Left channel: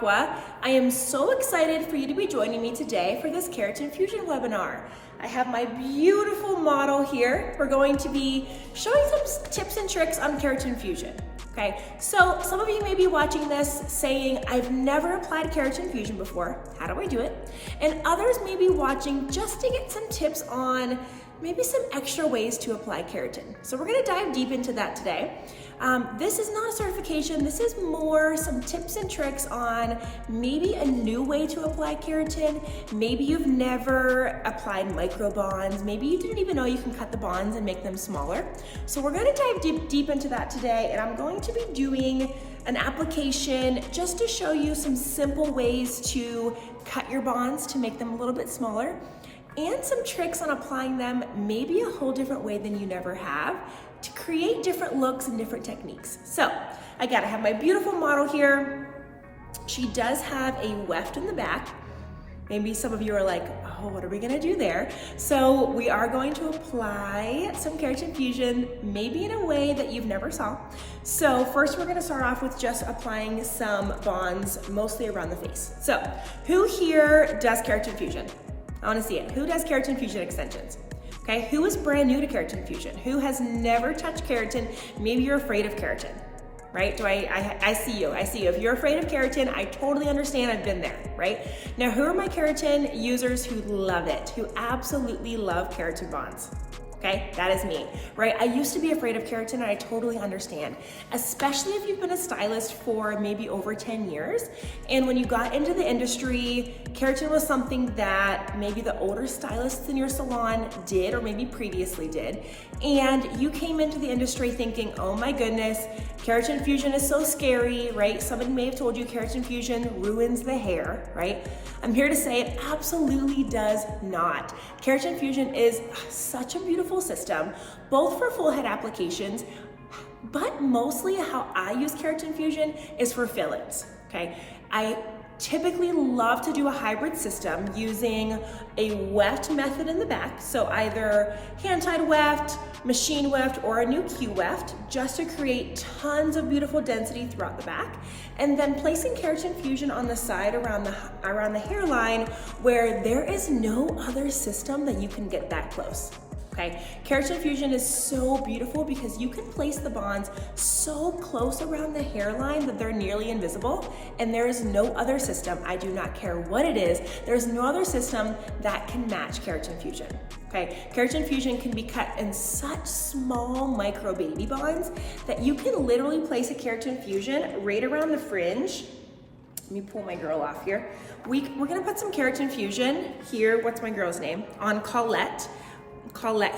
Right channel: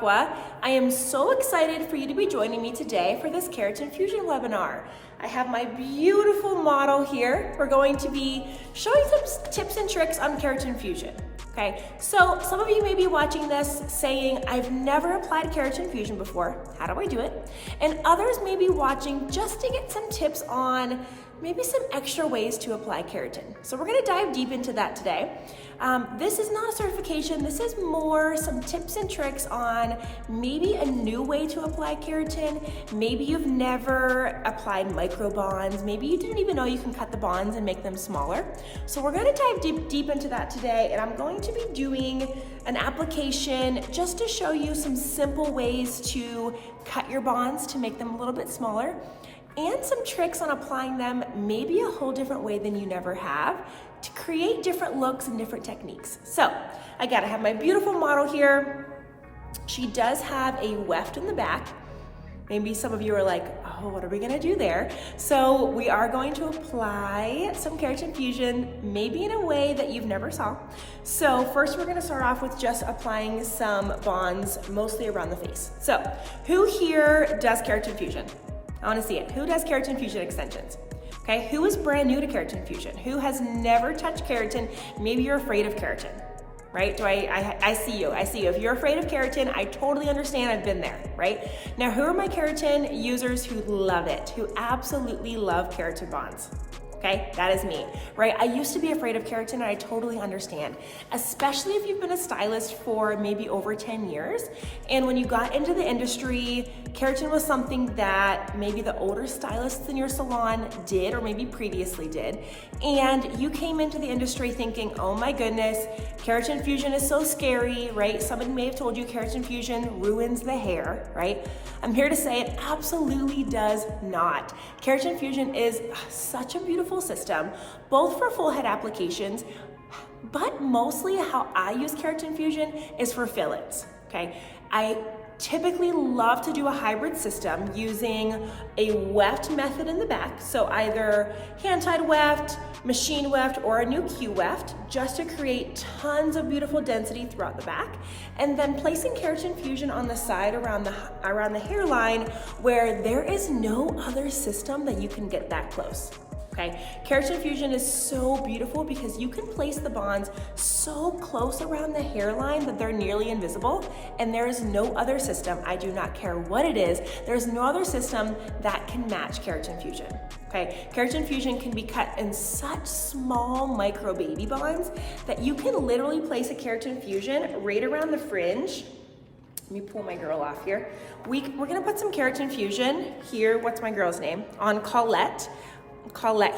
Aqua. I am so excited for you to be joining me today for this Keratin Fusion webinar. I have my beautiful model here. We're going to be showing some tips and tricks on Keratin Fusion. Okay, so some of you may be watching this saying, I've never applied Keratin Fusion before. How do I do it? And others may be watching just to get some tips on maybe some extra ways to apply keratin. So we're gonna dive deep into that today. This is not a certification, this is more some tips and tricks on maybe a new way to apply keratin. Maybe you've never applied micro bonds, maybe you didn't even know you can cut the bonds and make them smaller. So we're gonna dive deep into that today, and I'm going to be doing an application just to show you some simple ways to cut your bonds to make them a little bit smaller, and some tricks on applying them maybe a whole different way than you never have to create different looks and different techniques. So again, I have my beautiful model here. She does have a weft in the back. Maybe some of you are like, oh, what are we gonna do there? So we are going to apply some Keratin Fusion, maybe in a way that you've never saw. So first we're gonna start off with just applying some bonds, mostly around the face. So who here does Keratin Fusion? I wanna see it. Who does Keratin Fusion extensions? Okay, who is brand new to Keratin Fusion? Who has never touched keratin? Maybe you're afraid of keratin, right? I see you, I see you. If you're afraid of keratin, I totally understand, I've been there, right? Now, who are my keratin users who love it, who absolutely love keratin bonds? Okay, that is me, right? I used to be afraid of keratin, and I totally understand, especially if you've been a stylist for maybe over 10 years. And when you got into the industry, keratin was something that maybe the older stylists in your salon did, or maybe previously did. And you came into the industry thinking, oh my goodness, Keratin Fusion is so scary, right? Somebody may have told you Keratin Fusion ruins the hair, right? I'm here to say it absolutely does not. Keratin Fusion is such a beautiful system, both for full head applications, but mostly how I use Keratin Fusion is for fill-ins, okay? I typically love to do a hybrid system using a weft method in the back, so either hand-tied weft, machine weft, or a new Q weft, just to create tons of beautiful density throughout the back, and then placing Keratin Fusion on the side around the hairline where there is no other system that you can get that close. Okay, Keratin Fusion is so beautiful because you can place the bonds so close around the hairline that they're nearly invisible, and there is no other system, I do not care what it is, there's no other system that can match Keratin Fusion. Okay, Keratin Fusion can be cut in such small micro baby bonds that you can literally place a Keratin Fusion right around the fringe. Let me pull my girl off here. We're gonna put some Keratin Fusion here, what's my girl's name? On Colette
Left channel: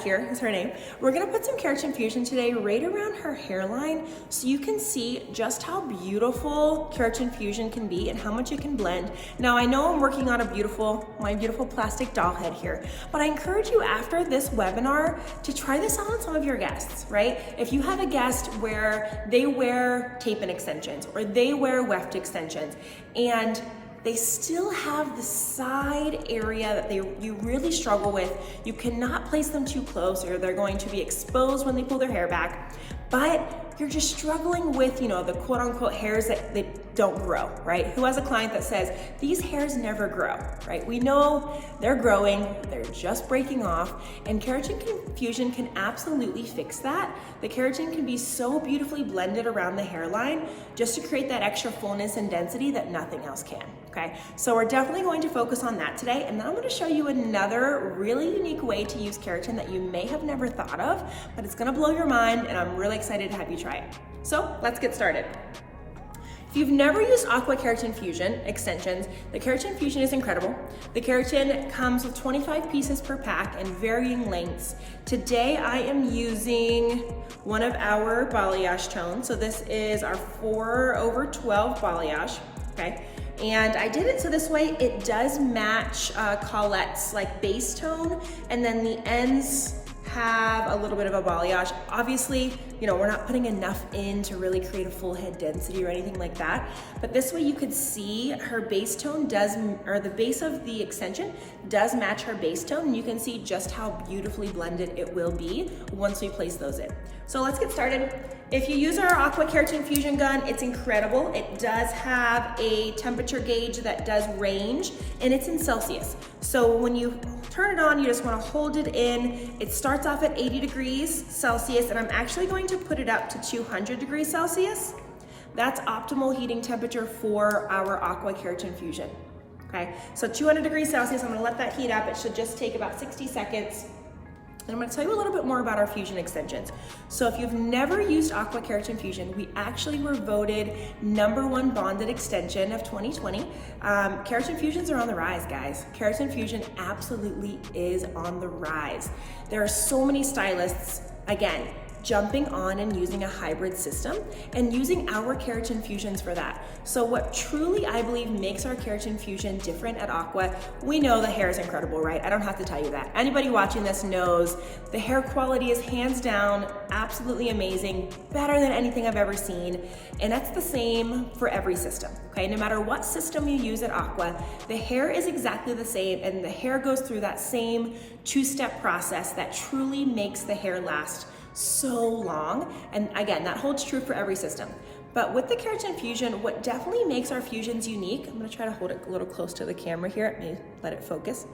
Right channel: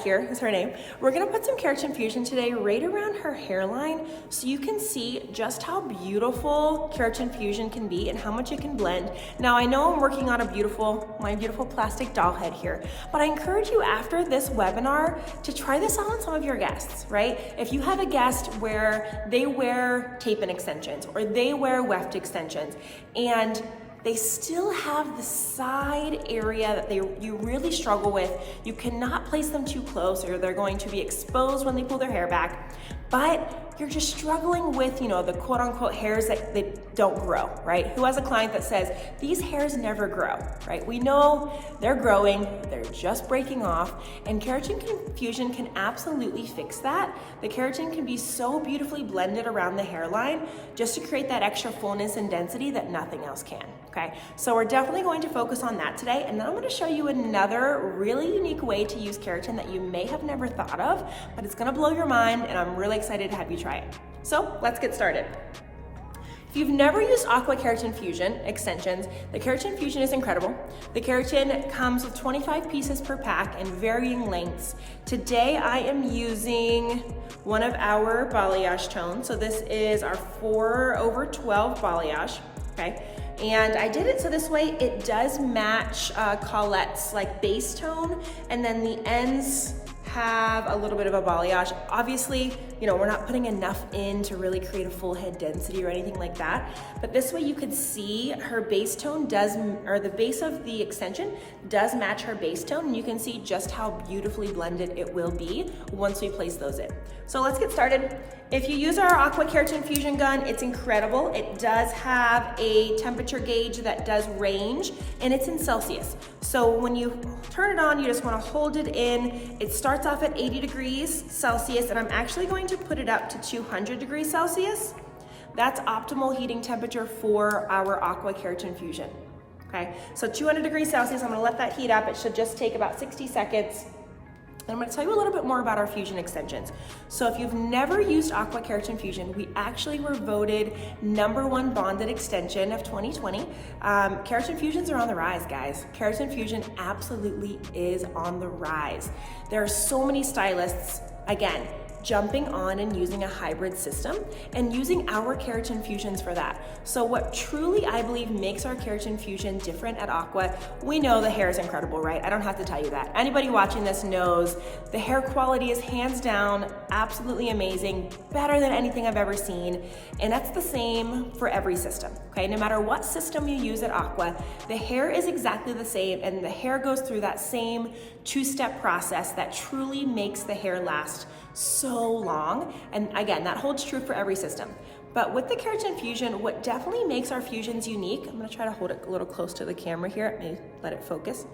here is her name. We're gonna put some Keratin Fusion today right around her hairline so you can see just how beautiful Keratin Fusion can be and how much it can blend. Now I know I'm working on my beautiful plastic doll head here, but I encourage you after this webinar to try this out on some of your guests, right? If you have a guest where they wear tape-in extensions or they wear weft extensions and they still have the side area that you really struggle with. You cannot place them too close or they're going to be exposed when they pull their hair back, but you're just struggling with, the quote unquote hairs that don't grow, right? Who has a client that says, these hairs never grow, right? We know they're growing, they're just breaking off, and Keratin Fusion can absolutely fix that. The keratin can be so beautifully blended around the hairline just to create that extra fullness and density that nothing else can, okay? So we're definitely going to focus on that today, and now I'm gonna show you another really unique way to use keratin that you may have never thought of, but it's gonna blow your mind, and I'm really excited to have you try it. So let's get started. If you've never used Aqua Keratin Fusion extensions, the Keratin Fusion is incredible. The keratin comes with 25 pieces per pack and varying lengths. Today I am using one of our balayage tones. So this is our 4/12 balayage, okay? And I did it so this way it does match Colette's base tone, and then the ends have a little bit of a balayage. Obviously, we're not putting enough in to really create a full head density or anything like that. But this way you could see her base tone the base of the extension does match her base tone. And you can see just how beautifully blended it will be once we place those in. So let's get started. If you use our Aqua Keratin Fusion gun, it's incredible. It does have a temperature gauge that does range, and it's in Celsius. So when you turn it on, you just wanna hold it in. It starts off at 80 degrees Celsius, and I'm actually going to put it up to 200 degrees Celsius. That's optimal heating temperature for our Aqua Keratin Fusion, okay? So 200 degrees Celsius, I'm gonna let that heat up. It should just take about 60 seconds. And I'm gonna tell you a little bit more about our fusion extensions. So if you've never used Aqua Keratin Fusion, we actually were voted #1 bonded extension of 2020. Keratin Fusions are on the rise, guys. Keratin Fusion absolutely is on the rise. There are so many stylists, again, jumping on and using a hybrid system and using our Keratin Fusions for that. So what truly I believe makes our Keratin Fusion different at Aqua, we know the hair is incredible, right? I don't have to tell you that. Anybody watching this knows the hair quality is hands down absolutely amazing, better than anything I've ever seen. And that's the same for every system, okay? No matter what system you use at Aqua, the hair is exactly the same, and the hair goes through that same two-step process that truly makes the hair last so long. And again, that holds true for every system. But with the Keratin Fusion, what definitely makes our fusions unique, I'm gonna try to hold it a little close to the camera here, maybe let it focus.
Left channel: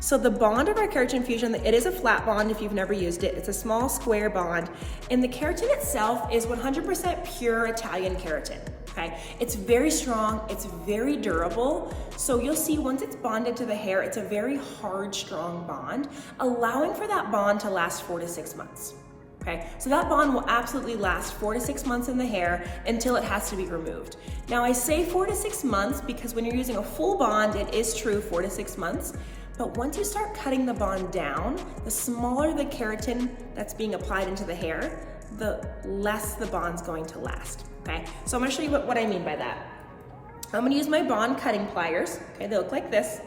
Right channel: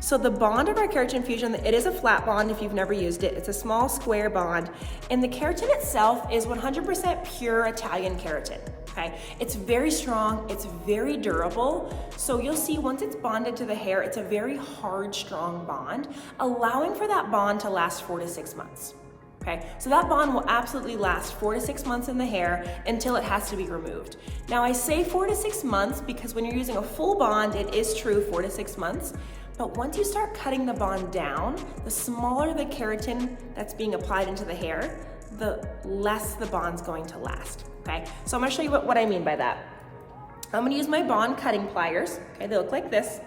So the bond of our Keratin Fusion, it is a flat bond if you've never used it. It's a small square bond. And the keratin itself is 100% pure Italian keratin, okay? It's very strong, it's very durable. So you'll see once it's bonded to the hair, it's a very hard, strong bond, allowing for that bond to last 4 to 6 months. Okay, so that bond will absolutely last 4 to 6 months in the hair until it has to be removed. Now I say 4 to 6 months because when you're using a full bond, it is true 4 to 6 months. But once you start cutting the bond down, the smaller the keratin that's being applied into the hair, the less the bond's going to last, okay? So I'm gonna show you what I mean by that. I'm gonna use my bond cutting pliers, okay? They look like this.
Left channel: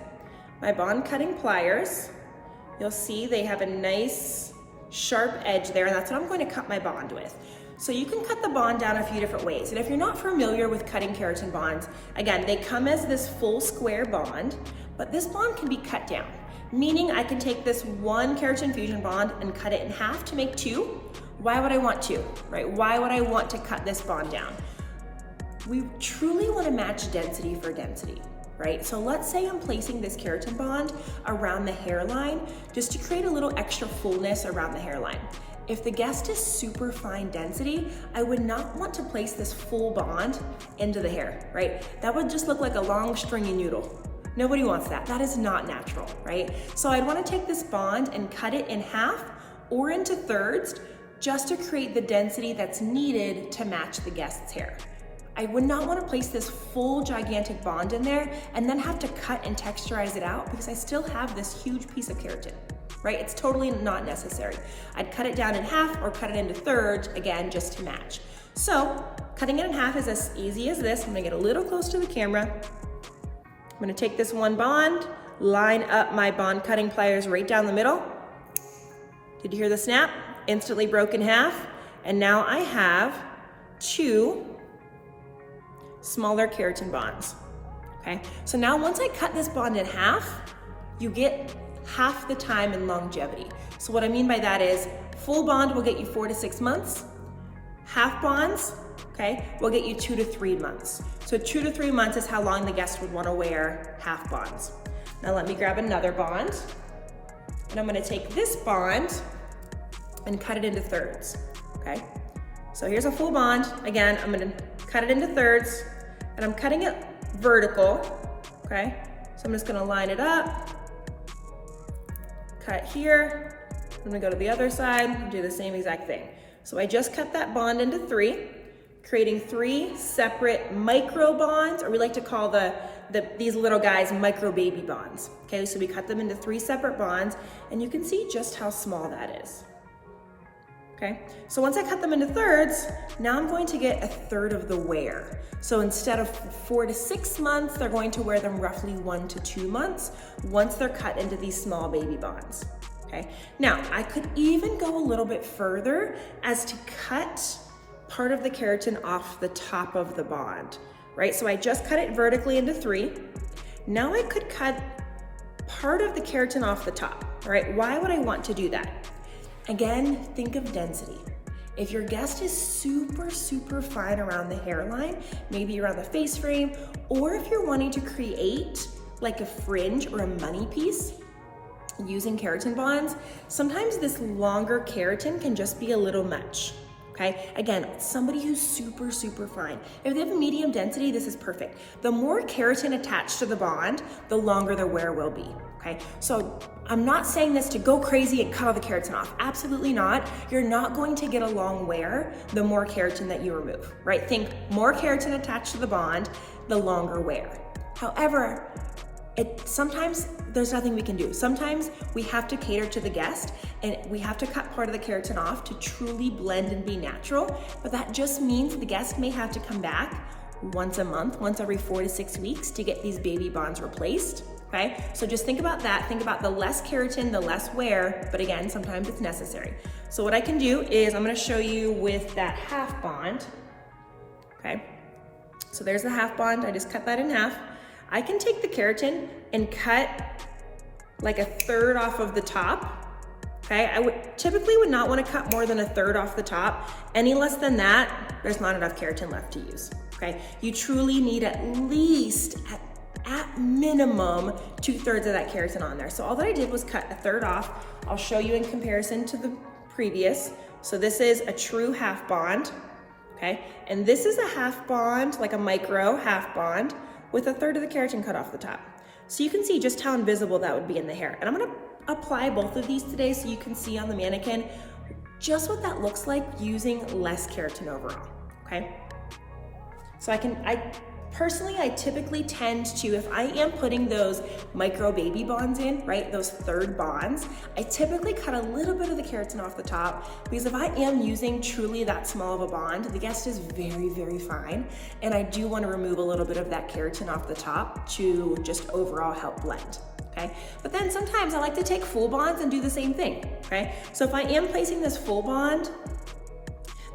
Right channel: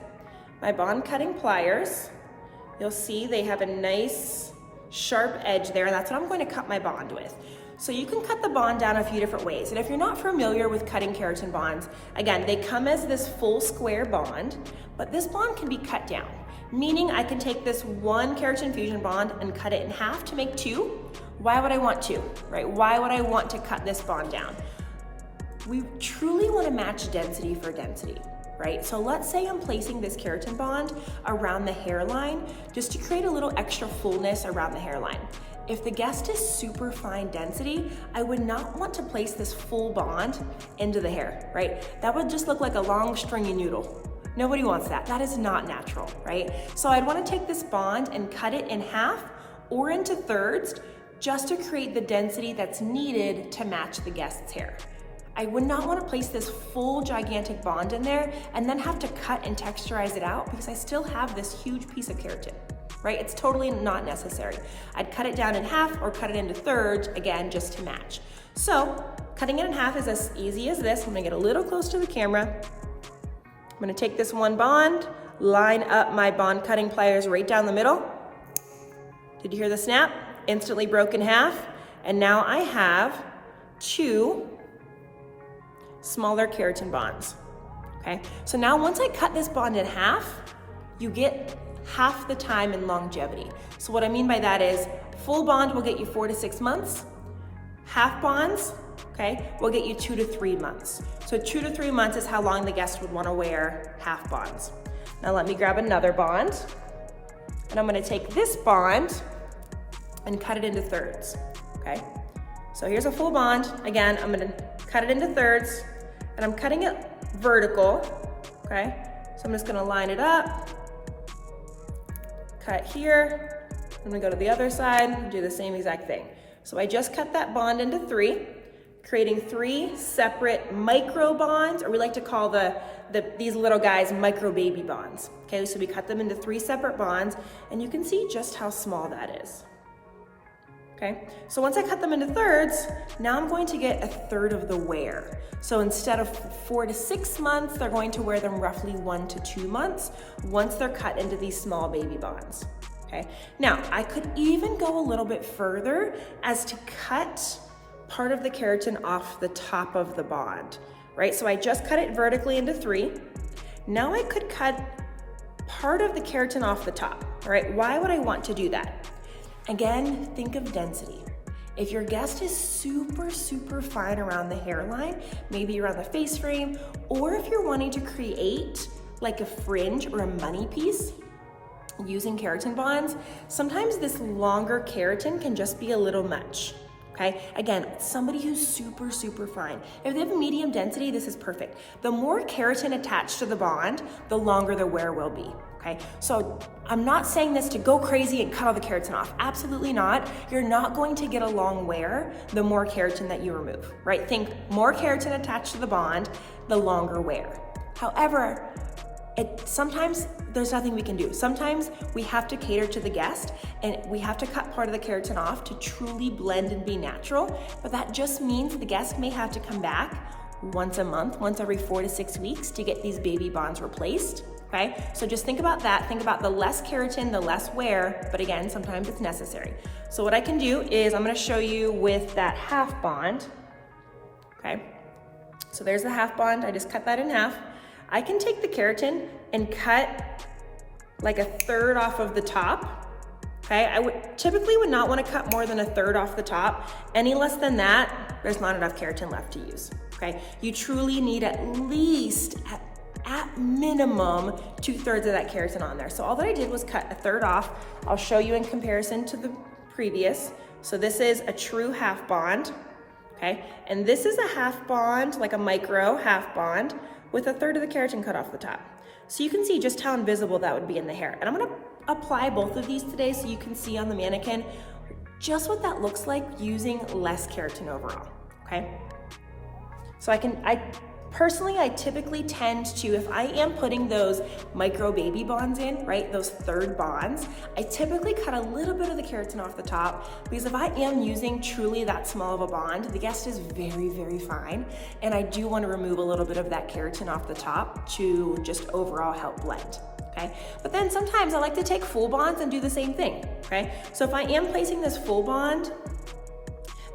My bond cutting pliers, you'll see they have a nice sharp edge there, and that's what I'm going to cut my bond with. So you can cut the bond down a few different ways. And if you're not familiar with cutting keratin bonds, again, they come as this full square bond, but this bond can be cut down. Meaning I can take this one Keratin Fusion bond and cut it in half to make 2. Why would I want to, right? Why would I want to cut this bond down? We truly want to match density for density, right? So let's say I'm placing this keratin bond around the hairline just to create a little extra fullness around the hairline. If the guest is super fine density, I would not want to place this full bond into the hair, right? That would just look like a long stringy noodle. Nobody wants that. That is not natural, right? So I'd want to take this bond and cut it in half or into thirds just to create the density that's needed to match the guest's hair. I would not want to place this full gigantic bond in there and then have to cut and texturize it out because I still have this huge piece of keratin, right? It's totally not necessary. I'd cut it down in half or cut it into thirds, again, just to match. So cutting it in half is as easy as this. I'm gonna get a little close to the camera. I'm gonna take this one bond, line up my bond cutting pliers right down the middle. Did you hear the snap? Instantly broke in half. And now I have 2 smaller keratin bonds, okay? So now once I cut this bond in half, you get half the time in longevity. So what I mean by that is full bond will get you 4 to 6 months. Half bonds, okay, will get you 2 to 3 months. So 2 to 3 months is how long the guest would want to wear half bonds. Now let me grab another bond, and I'm gonna take this bond and cut it into thirds, okay? So here's a full bond. Again, I'm gonna cut it into thirds, and I'm cutting it vertical, okay? So I'm just gonna line it up, cut here, I'm gonna go to the other side and do the same exact thing. So I just cut that bond into 3, creating 3 separate micro bonds, or we like to call these little guys micro baby bonds. Okay, so we cut them into 3 separate bonds, and you can see just how small that is. Okay, so once I cut them into thirds, now I'm going to get a third of the wear. So instead of 4 to 6 months, they're going to wear them roughly 1 to 2 months once they're cut into these small baby bonds. Okay, now I could even go a little bit further as to cut part of the keratin off the top of the bond, right? So I just cut it vertically into 3. Now I could cut part of the keratin off the top, all right? Why would I want to do that? Again, think of density. If your guest is super, super fine around the hairline, maybe around the face frame, or if you're wanting to create like a fringe or a money piece using keratin bonds, sometimes this longer keratin can just be a little much. Okay, again, somebody who's super, super fine. If they have a medium density, this is perfect. The more keratin attached to the bond, the longer the wear will be, okay? So I'm not saying this to go crazy and cut all the keratin off. Absolutely not. You're not going to get a long wear the more keratin that you remove, right? Think more keratin attached to the bond, the longer wear. However, sometimes there's nothing we can do. Sometimes we have to cater to the guest and we have to cut part of the keratin off to truly blend and be natural. But that just means the guest may have to come back once a month, once every 4 to 6 weeks to get these baby bonds replaced, okay? So just think about that. Think about the less keratin, the less wear, but again, sometimes it's necessary. So what I can do is I'm gonna show you with that half bond, okay? So there's the half bond, I just cut that in half. I can take the keratin and cut like a third off of the top. Okay, I typically would not want to cut more than a third off the top. Any less than that, there's not enough keratin left to use. Okay, you truly need at least, at minimum, 2/3 of that keratin on there. So all that I did was cut a third off. I'll show you in comparison to the previous. So this is a true half bond. Okay, and this is a half bond, like a micro half bond, with a third of the keratin cut off the top. So you can see just how invisible that would be in the hair. And I'm gonna apply both of these today so you can see on the mannequin just what that looks like using less keratin overall, okay? So I typically tend to, if I am putting those micro baby bonds in, right, those third bonds, I typically cut a little bit of the keratin off the top because if I am using truly that small of a bond, the guest is very, very fine. And I do want to remove a little bit of that keratin off the top to just overall help blend. Okay, but then sometimes I like to take full bonds and do the same thing, okay? So if I am placing this full bond,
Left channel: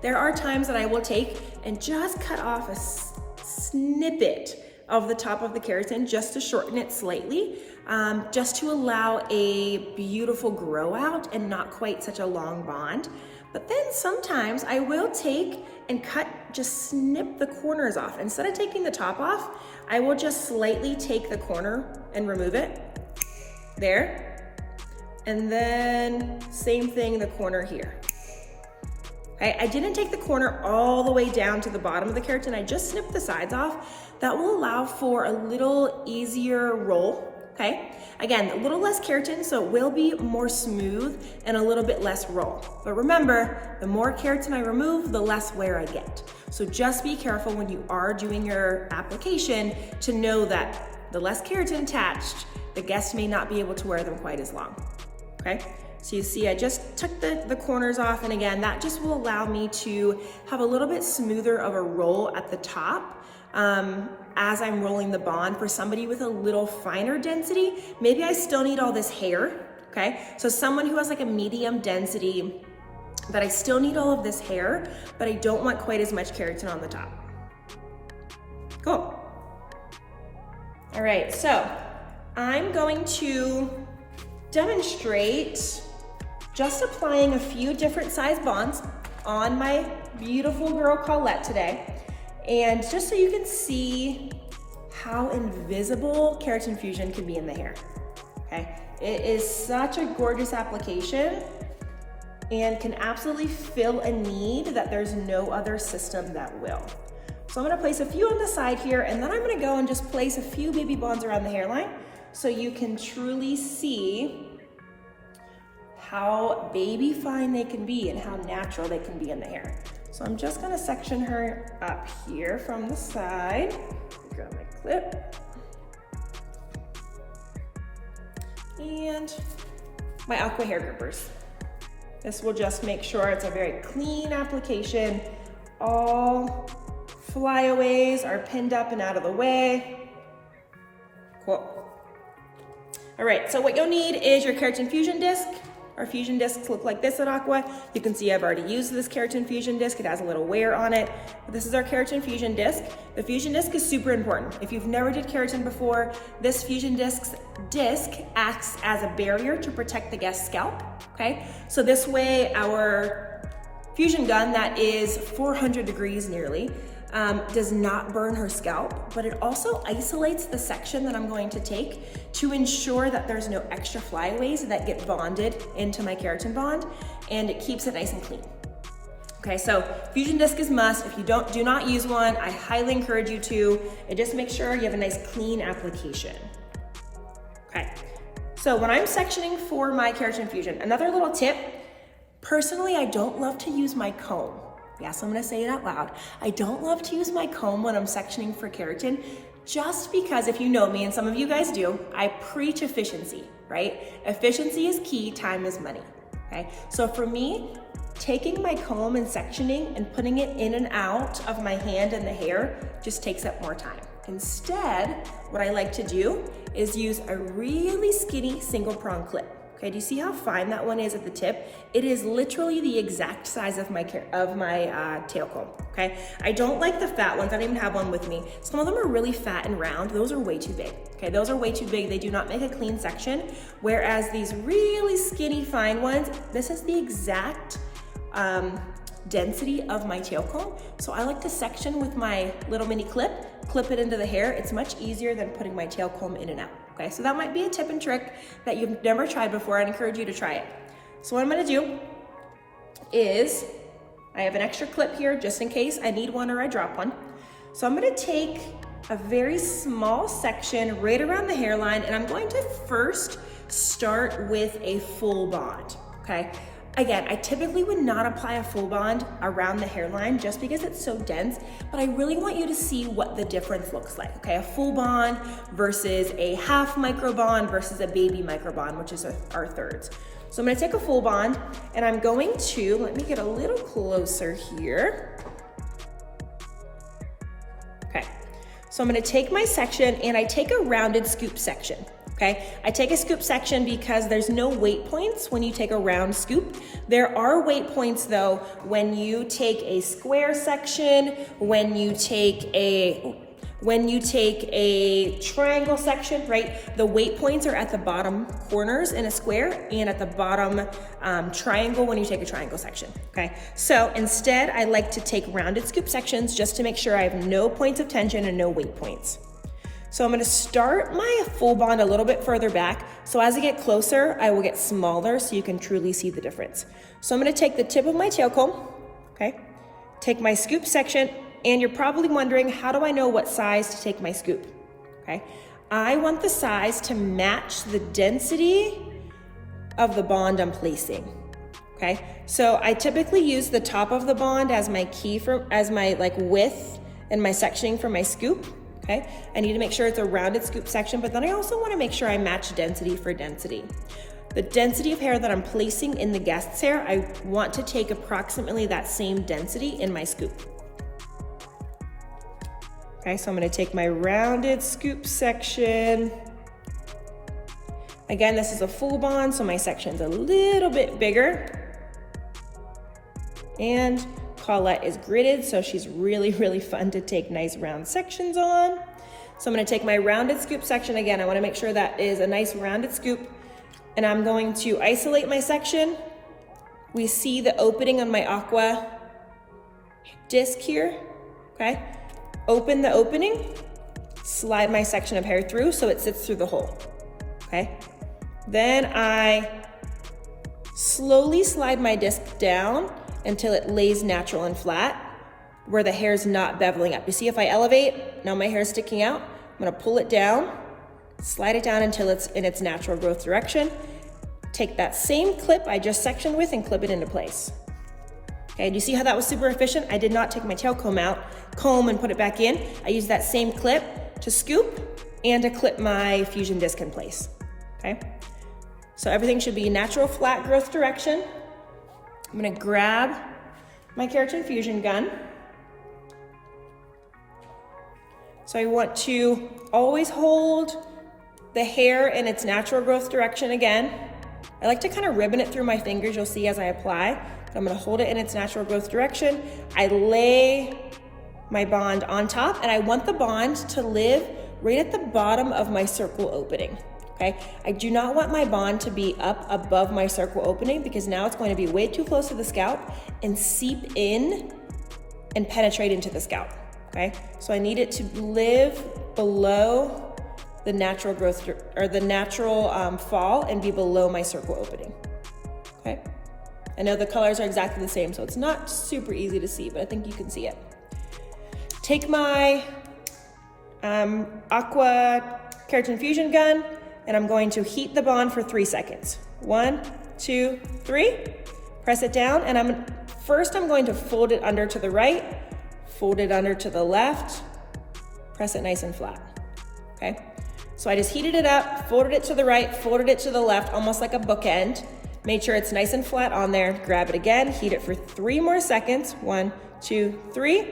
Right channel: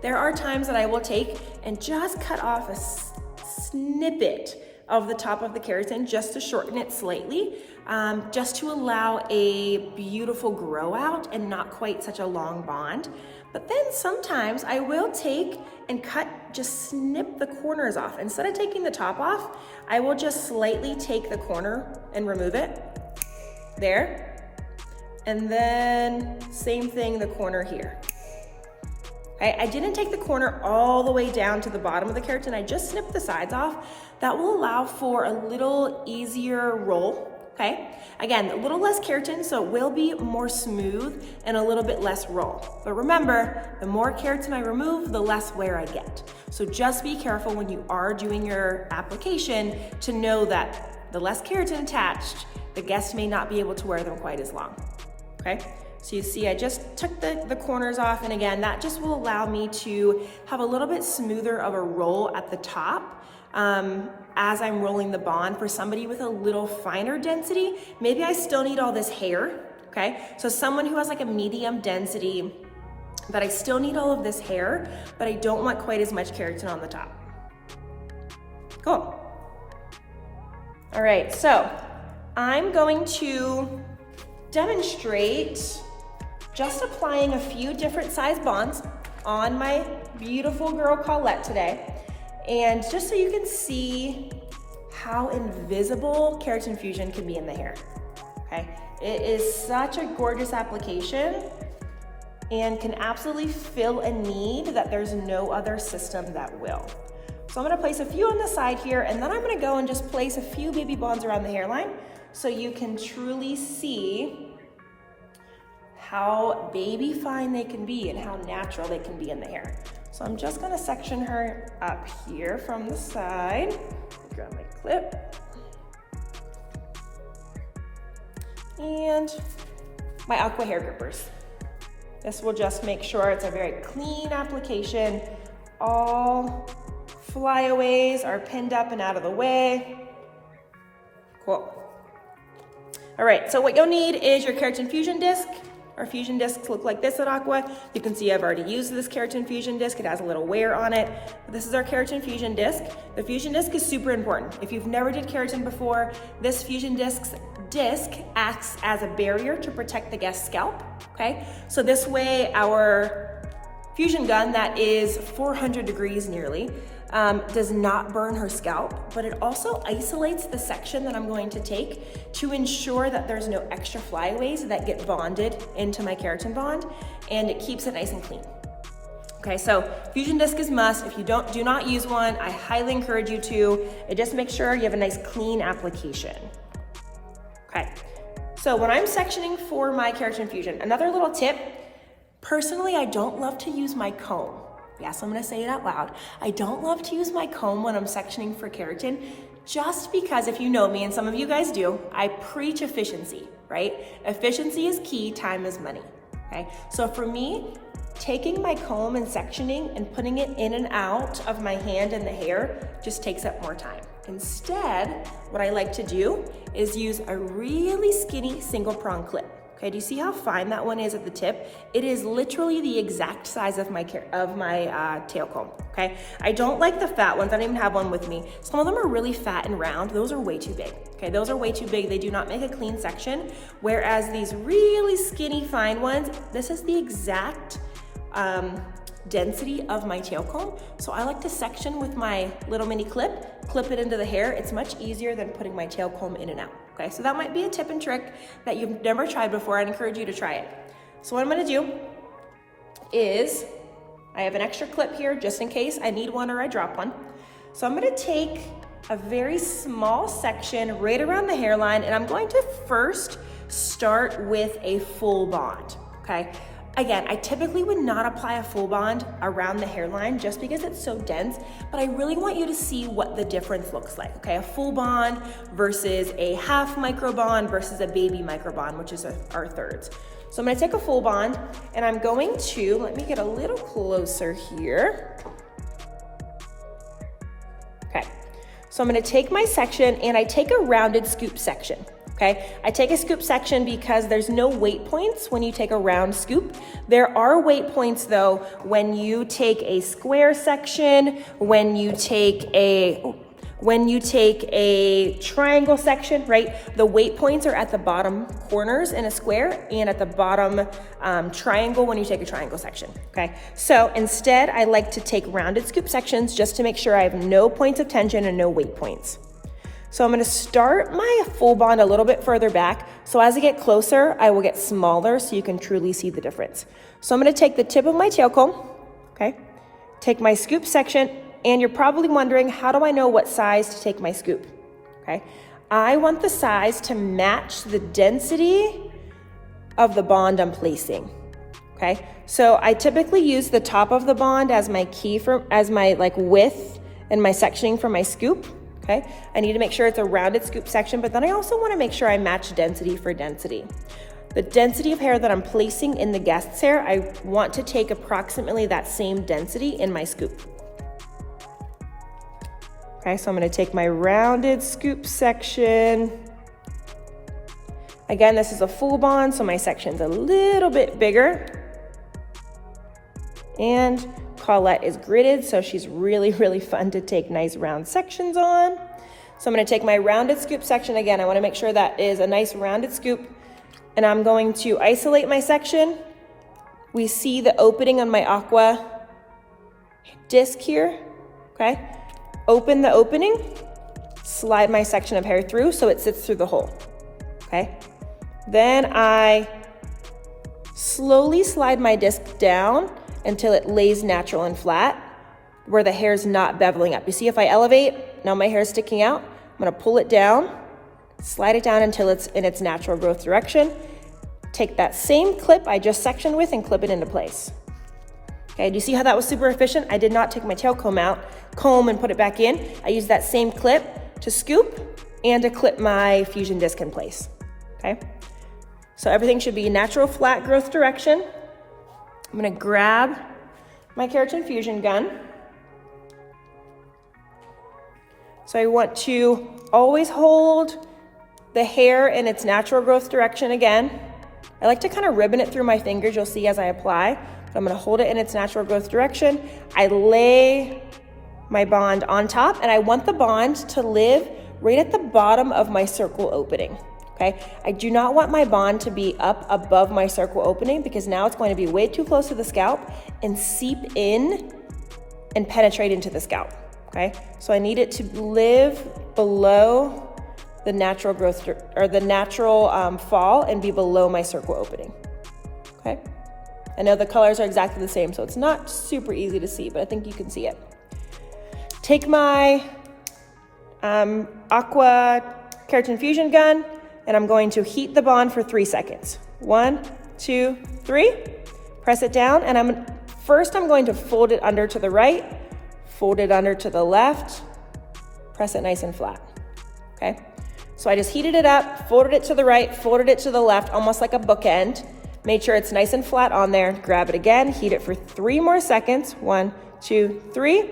there are times that I will take and just cut off a snippet of the top of the keratin just to shorten it slightly, just to allow a beautiful grow out and not quite such a long bond. But then sometimes I will take and just snip the corners off. Instead of taking the top off, I will just slightly take the corner and remove it. There, and then same thing, the corner here. I didn't take the corner all the way down to the bottom of the keratin, I just snipped the sides off. That will allow for a little easier roll, okay? Again, a little less keratin, so it will be more smooth and a little bit less roll. But remember, the more keratin I remove, the less wear I get. So just be careful when you are doing your application to know that the less keratin attached, the guest may not be able to wear them quite as long, okay? So you see, I just took the corners off, and again, that just will allow me to have a little bit smoother of a roll at the top as I'm rolling the bond. For somebody with a little finer density, maybe I still need all this hair, okay? So someone who has like a medium density, that I still need all of this hair, but I don't want quite as much keratin on the top. Cool. All right, so I'm going to demonstrate just applying a few different size bonds on my beautiful girl Colette today. And just so you can see how invisible keratin fusion can be in the hair, okay? It is such a gorgeous application and can absolutely fill a need that there's no other system that will. So I'm gonna place a few on the side here, and then I'm gonna go and just place a few baby bonds around the hairline so you can truly see how baby fine they can be and how natural they can be in the hair. So I'm just gonna section her up here from the side. Grab my clip. And my Aqua hair grippers. This will just make sure it's a very clean application. All flyaways are pinned up and out of the way. Cool. All right, so what you'll need is your keratin fusion disc. Our fusion discs look like this at Aqua. You can see I've already used this keratin fusion disc. It has a little wear on it. But this is our keratin fusion disc. The fusion disc is super important. If you've never did keratin before, this fusion disc acts as a barrier to protect the guest's scalp, okay? So this way our fusion gun that is 400 degrees nearly does not burn her scalp, but it also isolates the section that I'm going to take to ensure that there's no extra flyaways that get bonded into my keratin bond, and it keeps it nice and clean. Okay, so fusion disc is must. If you do not use one, I highly encourage you to, and just make sure you have a nice clean application. Okay, so when I'm sectioning for my keratin fusion, another little tip, personally, I don't love to use my comb. Yes, I'm gonna say it out loud. I don't love to use my comb when I'm sectioning for keratin, just because if you know me, and some of you guys do, I preach efficiency, right? Efficiency is key, time is money, okay? So for me, taking my comb and sectioning and putting it in and out of my hand and the hair just takes up more time. Instead, what I like to do is use a really skinny single prong clip. Okay, do you see how fine that one is at the tip? It is literally the exact size of my tail comb, okay? I don't like the fat ones, I don't even have one with me. Some of them are really fat and round, those are way too big, okay? Those are way too big, they do not make a clean section, whereas these really skinny fine ones, this is the exact density of my tail comb. So I like to section with my little mini clip it into the hair. It's much easier than putting my tail comb in and out. Okay, so that might be a tip and trick that you've never tried before. I'd encourage you to try it. So what I'm gonna do is, I have an extra clip here just in case I need one or I drop one. So I'm gonna take a very small section right around the hairline, and I'm going to first start with a full bond, okay? Again, I typically would not apply a full bond around the hairline just because it's so dense, but I really want you to see what the difference looks like, okay? A full bond versus a half micro bond versus a baby micro bond, which is our thirds. So I'm gonna take a full bond, and I'm going to, let me get a little closer here. Okay, so I'm gonna take my section, and I take a rounded scoop section. Okay, I take a scoop section because there's no weight points when you take a round scoop. There are weight points though when you take a square section, when you take a triangle section, right? The weight points are at the bottom corners in a square and at the bottom triangle when you take a triangle section, okay? So instead, I like to take rounded scoop sections just to make sure I have no points of tension and no weight points. So I'm gonna start my full bond a little bit further back. So as I get closer, I will get smaller so you can truly see the difference. So I'm gonna take the tip of my tail comb, okay? Take my scoop section, and you're probably wondering, how do I know what size to take my scoop, okay? I want the size to match the density of the bond I'm placing, okay? So I typically use the top of the bond as my key as my width and my sectioning for my scoop. Okay, I need to make sure it's a rounded scoop section, but then I also want to make sure I match density for density. The density of hair that I'm placing in the guest's hair, I want to take approximately that same density in my scoop. Okay, so I'm going to take my rounded scoop section. Again, this is a full bond, so my section's a little bit bigger. And Paulette is gridded, so she's really, really fun to take nice round sections on. So I'm gonna take my rounded scoop section. Again, I wanna make sure that is a nice rounded scoop, and I'm going to isolate my section. We see the opening on my Aqua disc here, okay? Open the opening, slide my section of hair through so it sits through the hole, okay? Then I slowly slide my disc down until it lays natural and flat, where the hair is not beveling up. You see, if I elevate, now my hair is sticking out. I'm gonna pull it down, slide it down until it's in its natural growth direction. Take that same clip I just sectioned with and clip it into place. Okay, do you see how that was super efficient? I did not take my tail comb and put it back in. I used that same clip to scoop and to clip my fusion disc in place, okay? So everything should be natural flat growth direction. I'm gonna grab my keratin fusion gun. So I want to always hold the hair in its natural growth direction again. I like to kind of ribbon it through my fingers, you'll see as I apply. But I'm gonna hold it in its natural growth direction. I lay my bond on top, and I want the bond to live right at the bottom of my circle opening. okay? I do not want my bond to be up above my circle opening because now it's going to be way too close to the scalp and seep in and penetrate into the scalp, okay? So I need it to live below the natural growth or the natural fall and be below my circle opening, okay? I know the colors are exactly the same, so it's not super easy to see, but I think you can see it. Take my Aqua Keratin Fusion gun, and I'm going to heat the bond for 3 seconds. 1, 2, 3. Press it down, and I'm going to fold it under to the right, fold it under to the left, press it nice and flat, okay? So I just heated it up, folded it to the right, folded it to the left, almost like a bookend. Made sure it's nice and flat on there. Grab it again, heat it for 3 more seconds. 1, 2, 3.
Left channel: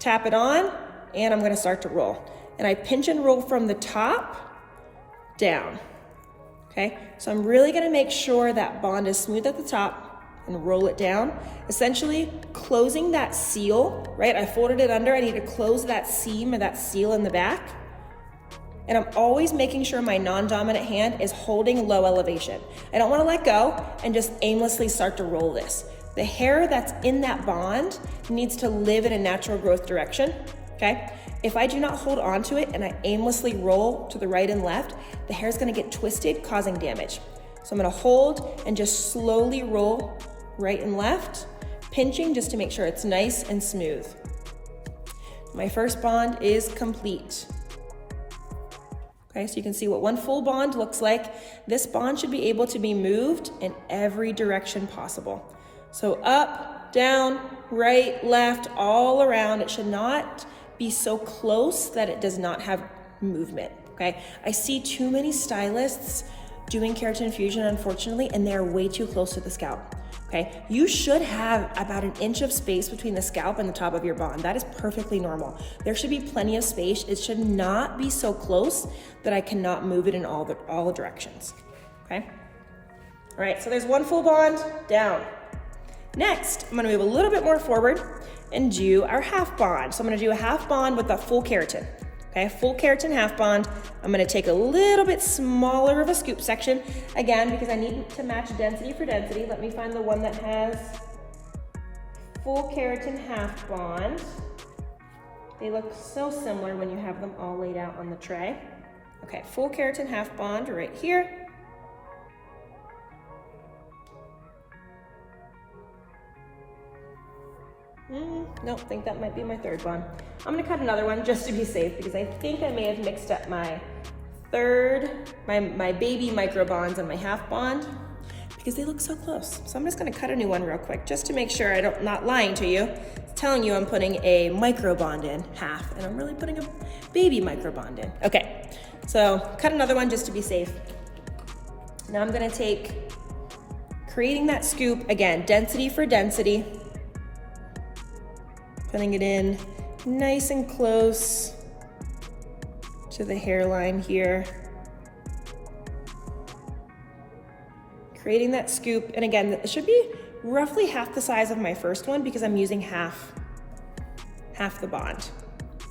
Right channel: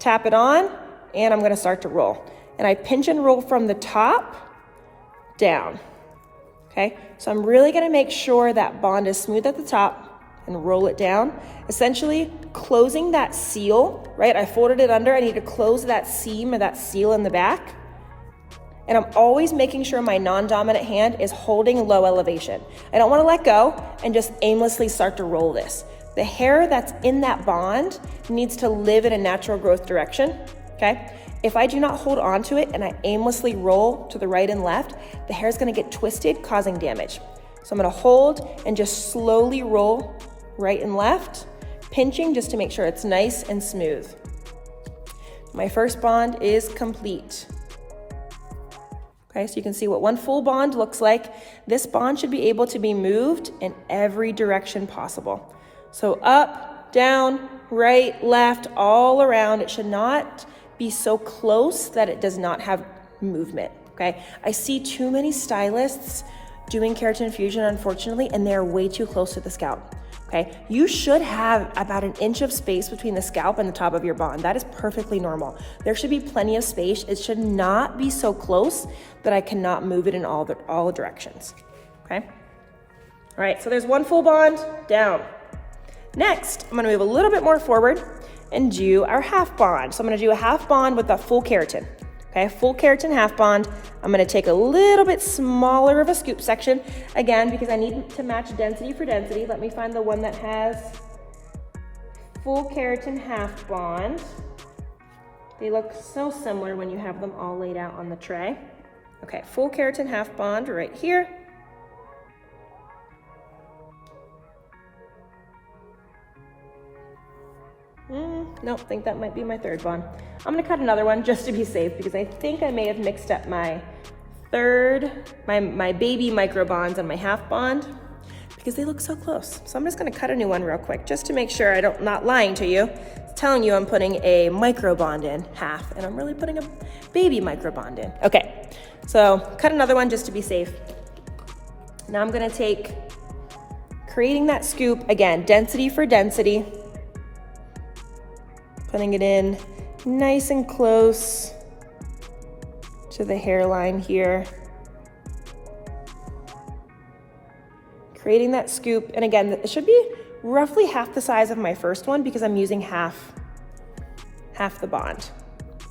Tap it on, and I'm gonna start to roll. And I pinch and roll from the top down, okay? So I'm really gonna make sure that bond is smooth at the top and roll it down, essentially closing that seal, right? I folded it under, I need to close that seam or that seal in the back. And I'm always making sure my non-dominant hand is holding low elevation. I don't wanna let go and just aimlessly start to roll this. The hair that's in that bond needs to live in a natural growth direction, okay? If I do not hold on to it and I aimlessly roll to the right and left, the hair is gonna get twisted, causing damage. So I'm gonna hold and just slowly roll right and left, pinching just to make sure it's nice and smooth. My first bond is complete. Okay, so you can see what one full bond looks like. This bond should be able to be moved in every direction possible. So up, down, right, left, all around. It should not be so close that it does not have movement, okay? I see too many stylists doing keratin fusion, unfortunately, and they're way too close to the scalp, okay? You should have about 1 inch of space between the scalp and the top of your bond. That is perfectly normal. There should be plenty of space. It should not be so close that I cannot move it in all directions, okay? All right, so there's one full bond down. Next, I'm gonna move a little bit more forward and do our half bond. So I'm gonna do a half bond with a full keratin, okay? Full keratin half bond. I'm gonna take a little bit smaller of a scoop section, again, because I need to match density for density. Let me find the one that has full keratin half bond. They look so similar when you have them all laid out on the tray. Okay, full keratin half bond right here. No, I think that might be my third bond. I'm gonna cut another one just to be safe because I think I may have mixed up my baby micro bonds and my half bond because they look so close. So I'm just gonna cut a new one real quick just to make sure I'm not lying to you, telling you I'm putting a micro bond in half and I'm really putting a baby micro bond in. Okay, so cut another one just to be safe. Now I'm gonna take, creating that scoop, again, density for density, putting it in nice and close to the hairline here. Creating that scoop, and again, it should be roughly half the size of my first one because I'm using half the bond,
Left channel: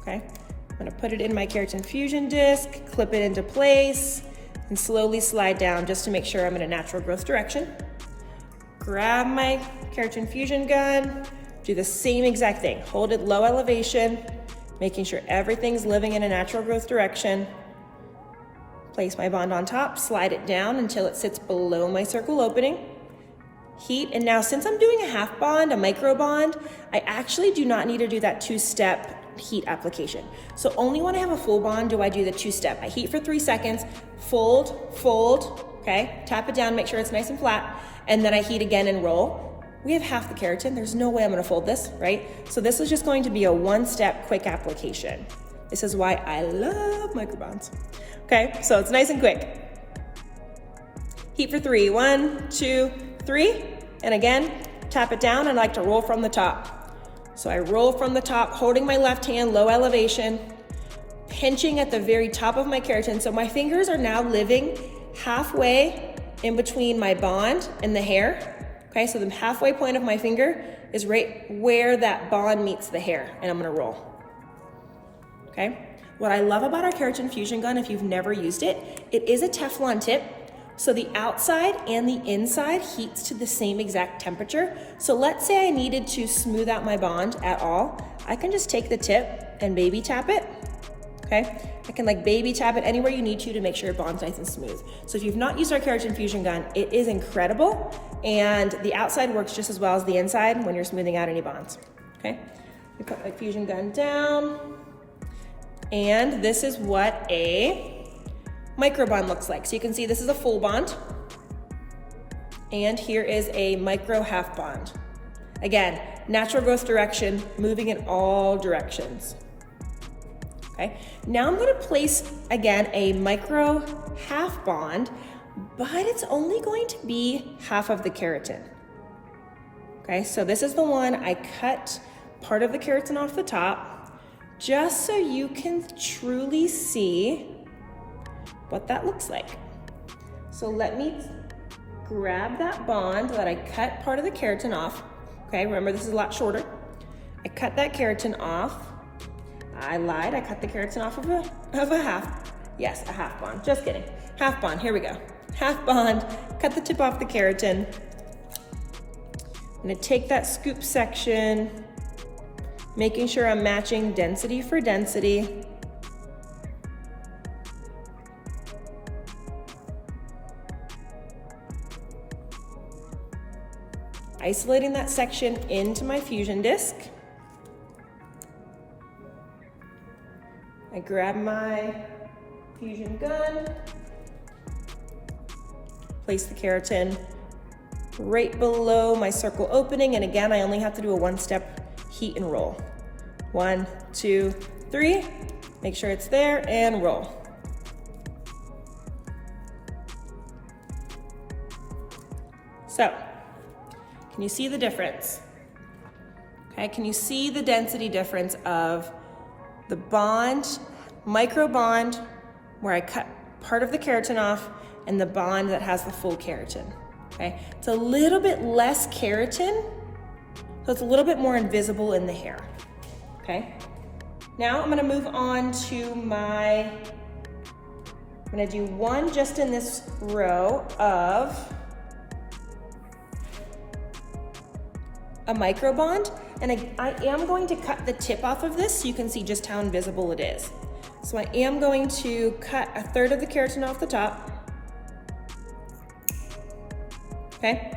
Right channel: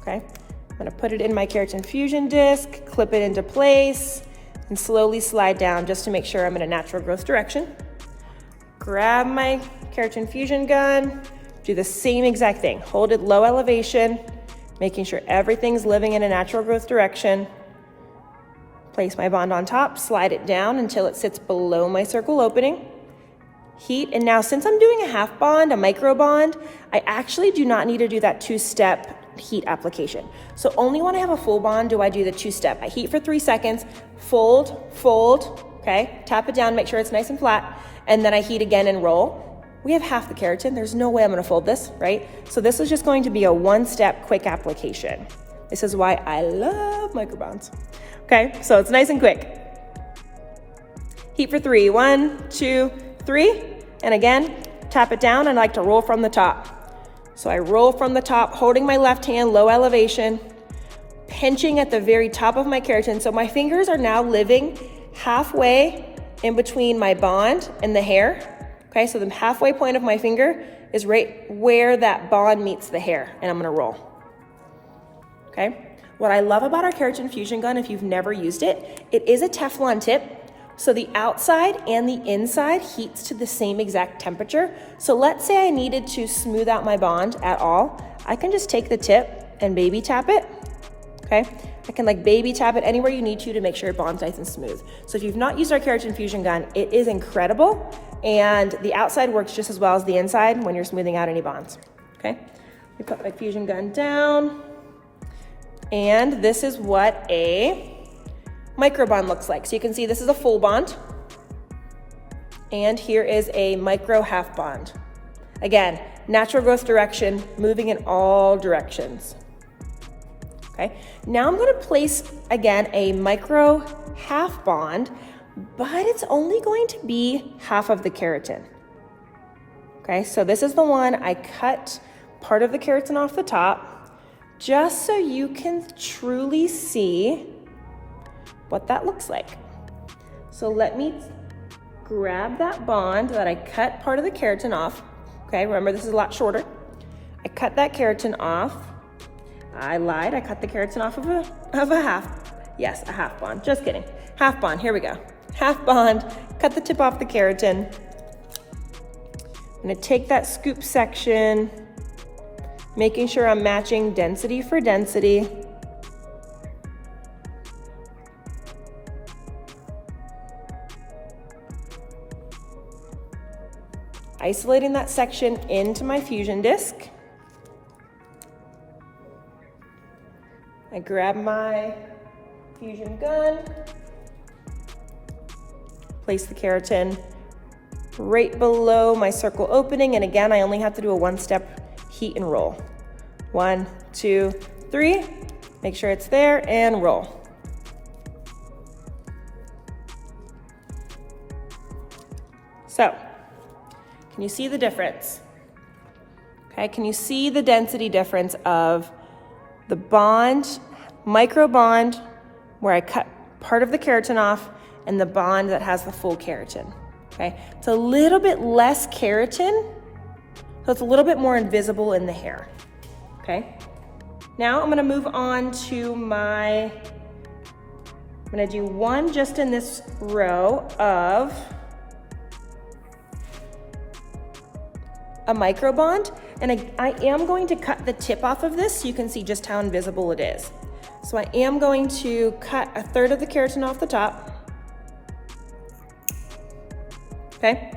okay? I'm gonna put it in my keratin fusion disc, clip it into place, and slowly slide down just to make sure I'm in a natural growth direction. Grab my keratin fusion gun, do the same exact thing. Hold it low elevation, making sure everything's living in a natural growth direction. Place my bond on top, slide it down until it sits below my circle opening. Heat, and now since I'm doing a half bond, a micro bond, I actually do not need to do that 2-step heat application. So only when I have a full bond do I do the 2-step. I heat for 3 seconds, fold, okay? Tap it down, make sure it's nice and flat, and then I heat again and roll. We have half the keratin. There's no way I'm gonna fold this, right? So this is just going to be a 1-step quick application. This is why I love microbonds. Okay, so it's nice and quick. Heat for 3, 1, 2, 3. And again, tap it down and I like to roll from the top. So I roll from the top, holding my left hand, low elevation, pinching at the very top of my keratin. So my fingers are now living halfway in between my bond and the hair. Okay, so the halfway point of my finger is right where that bond meets the hair, and I'm gonna roll. Okay, What I love about our Keratin Fusion gun, if you've never used it, it is a Teflon tip. So the outside and the inside heats to the same exact temperature. So let's say I needed to smooth out my bond at all. I can just take the tip and baby tap it, okay? I can like baby tap it anywhere you need to make sure it bonds nice and smooth. So if you've not used our Keratin Fusion gun, it is incredible. And the outside works just as well as the inside when you're smoothing out any bonds, okay? We put my Fusion gun down. And this is what a micro bond looks like. So you can see this is a full bond. And here is a micro half bond. Again, natural growth direction, moving in all directions. Okay, now I'm gonna place, again, a micro half bond, but it's only going to be half of the keratin. Okay, so this is the one I cut part of the keratin off the top, just so you can truly see what that looks like. So let me grab that bond that I cut part of the keratin off. Okay, remember this is a lot shorter. I cut that keratin off. I lied, I cut the keratin off of a half. Yes, a half bond, just kidding. Half bond, here we go. Half bond, cut the tip off the keratin. I'm gonna take that scoop section, making sure I'm matching density for density. Isolating that section into my fusion disc. I grab my fusion gun, place the keratin right below my circle opening, and again, I only have to do a one-step heat and roll. 1, 2, 3, make sure it's there, and roll. So, can you see the difference? Okay, can you see the density difference of the bond, micro bond, where I cut part of the keratin off, and the bond that has the full keratin, okay? It's a little bit less keratin, so it's a little bit more invisible in the hair, okay? Now I'm gonna move on to I'm gonna do one just in this row of a micro bond, and I am going to cut the tip off of this so you can see just how invisible it is. So I am going to cut a third of the keratin off the top. Okay?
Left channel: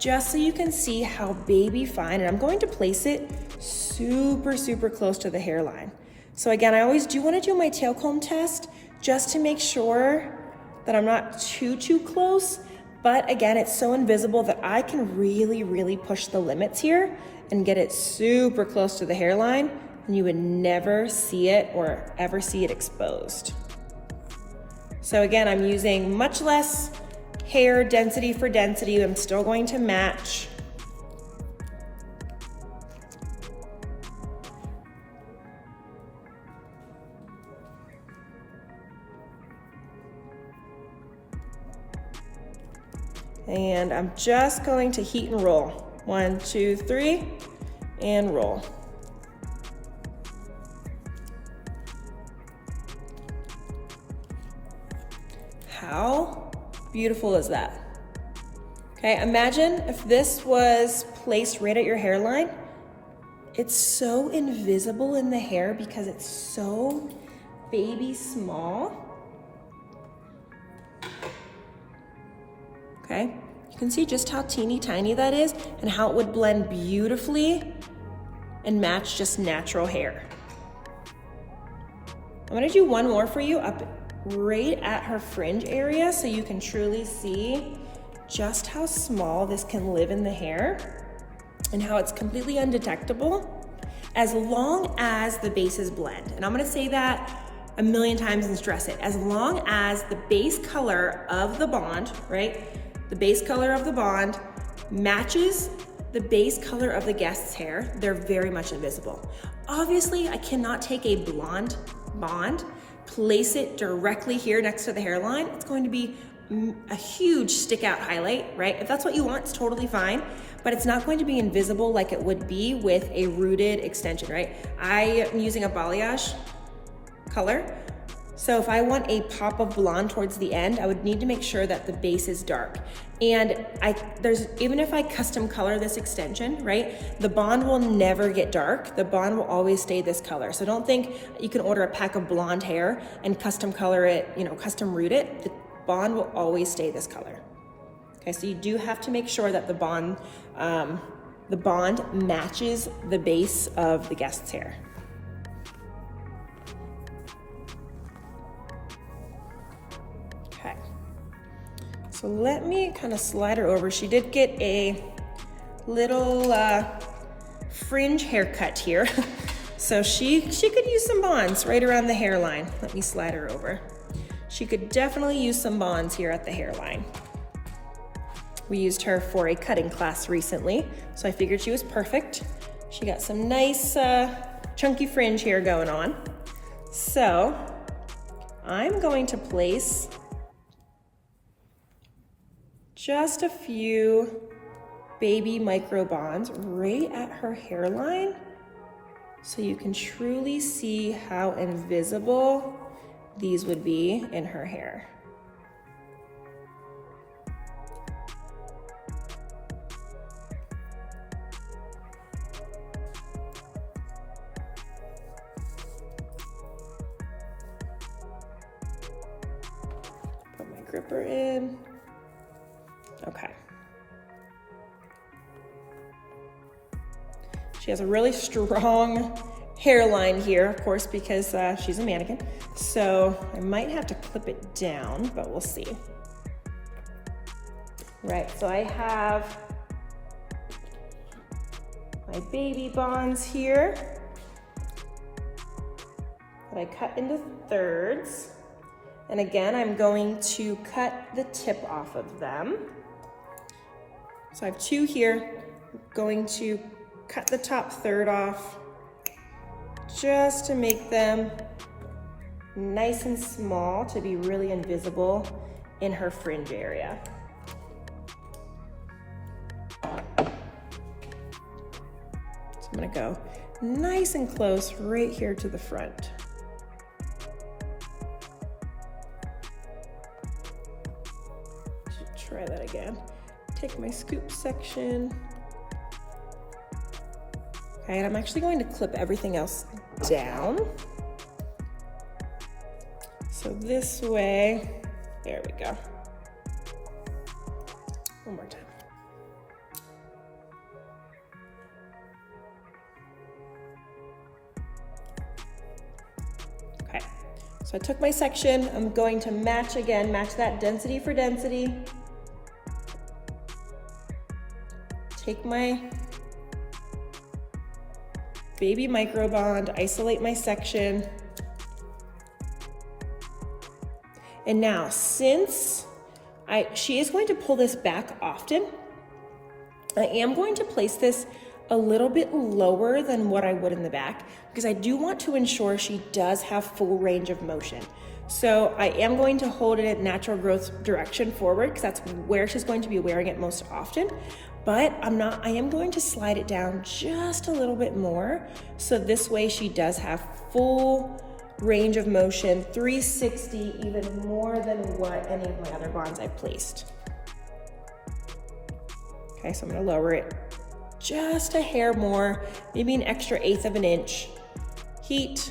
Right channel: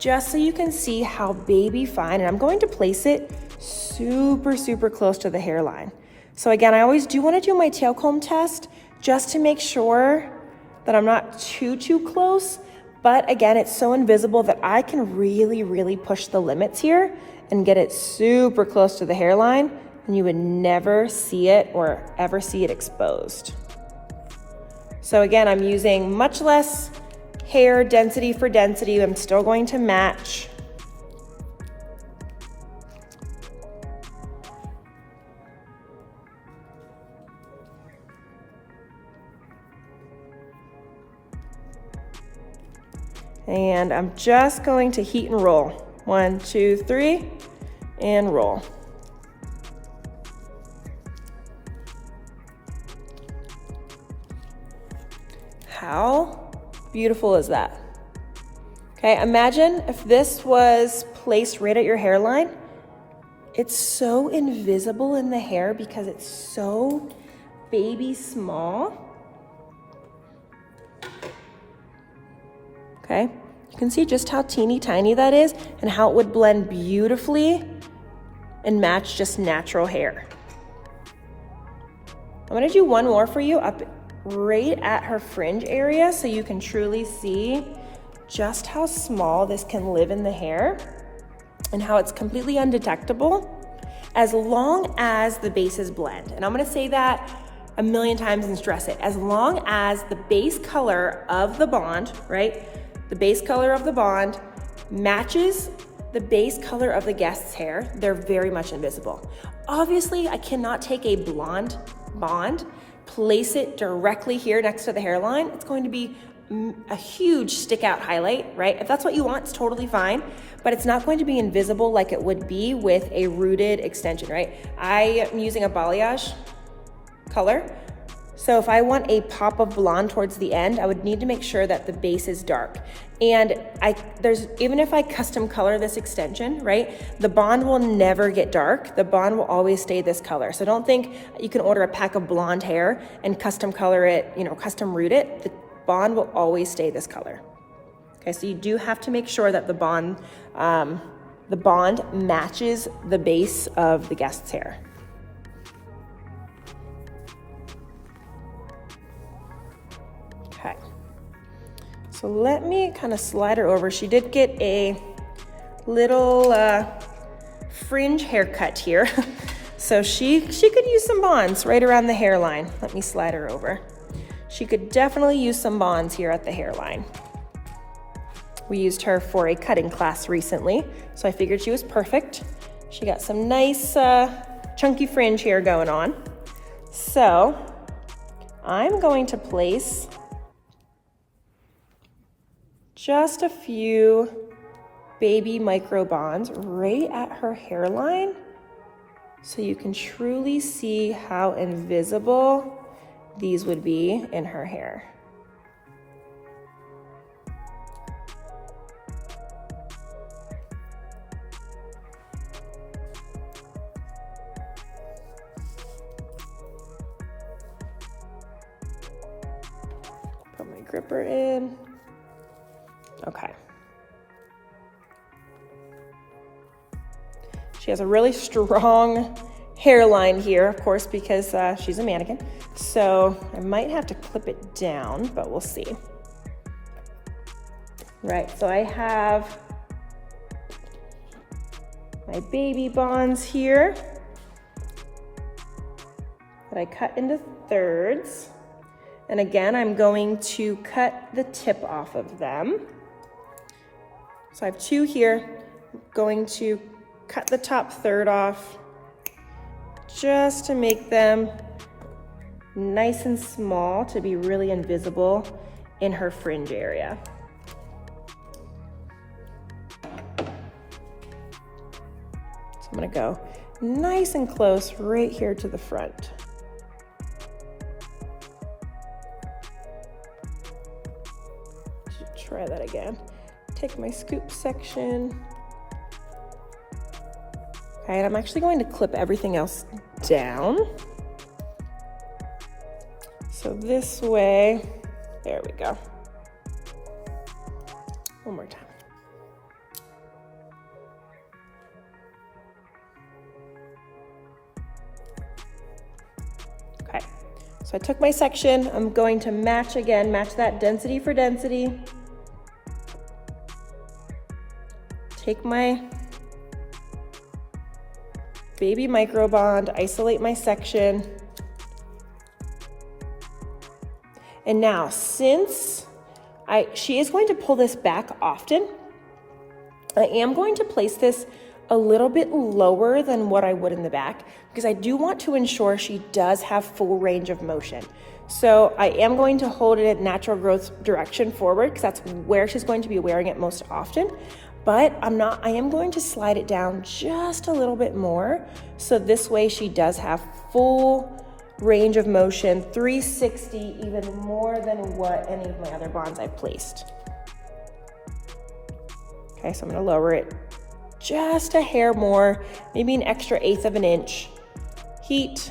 Just so you can see how baby fine, and I'm going to place it super, super close to the hairline. So again, I always do want to do my tail comb test just to make sure that I'm not too close. But again, it's so invisible that I can really, really push the limits here and get it super close to the hairline, and you would never see it or ever see it exposed. So again, I'm using much less hair density for density. I'm still going to match. And I'm just going to heat and roll. 1, 2, 3, and roll. How beautiful is that? Okay, imagine if this was placed right at your hairline. It's so invisible in the hair because it's so baby small. Okay, you can see just how teeny tiny that is and how it would blend beautifully and match just natural hair. I'm gonna do one more for you up right at her fringe area so you can truly see just how small this can live in the hair and how it's completely undetectable as long as the bases blend. And I'm gonna say that a million times and stress it. As long as the base color of the bond, right? The base color of the bond matches the base color of the guest's hair, they're very much invisible. Obviously, I cannot take a blonde bond, place it directly here next to the hairline. It's going to be a huge stick out highlight, right? If that's what you want, it's totally fine, but it's not going to be invisible like it would be with a rooted extension, right? I am using a balayage color. So if I want a pop of blonde towards the end, I would need to make sure that the base is dark. And even if I custom color this extension, right, the bond will never get dark. The bond will always stay this color. So don't think you can order a pack of blonde hair and custom color it, custom root it. The bond will always stay this color. Okay, so you do have to make sure that the bond matches the base of the guest's hair. So let me kind of slide her over. She did get a little fringe haircut here. So she could use some bonds right around the hairline. Let me slide her over. She could definitely use some bonds here at the hairline. We used her for a cutting class recently, so I figured she was perfect. She got some nice chunky fringe here going on. So I'm going to place just a few baby micro bonds right at her hairline so you can truly see how invisible these would be in her hair. Put my gripper in. Okay. She has a really strong hairline here, of course, because she's a mannequin. So I might have to clip it down, but we'll see. Right, so I have my baby bonds here that I cut into thirds. And again, I'm going to cut the tip off of them. So I have two here. I'm going to cut the top third off just to make them nice and small to be really invisible in her fringe area. So I'm gonna go nice and close right here to the front. Should try that again. Take my scoop section. Okay, and I'm actually going to clip everything else down. So this way, there we go. One more time. Okay, so I took my section. I'm going to match again, match that density for density. Take my baby micro bond, isolate my section. And now, since she is going to pull this back often, I am going to place this a little bit lower than what I would in the back because I do want to ensure she does have full range of motion. So I am going to hold it at natural growth direction forward because that's where she's going to be wearing it most often. But I am going to slide it down just a little bit more. So this way she does have full range of motion, 360, even more than what any of my other bonds I've placed. Okay, so I'm gonna lower it just a hair more, maybe an extra 1/8 of an inch. Heat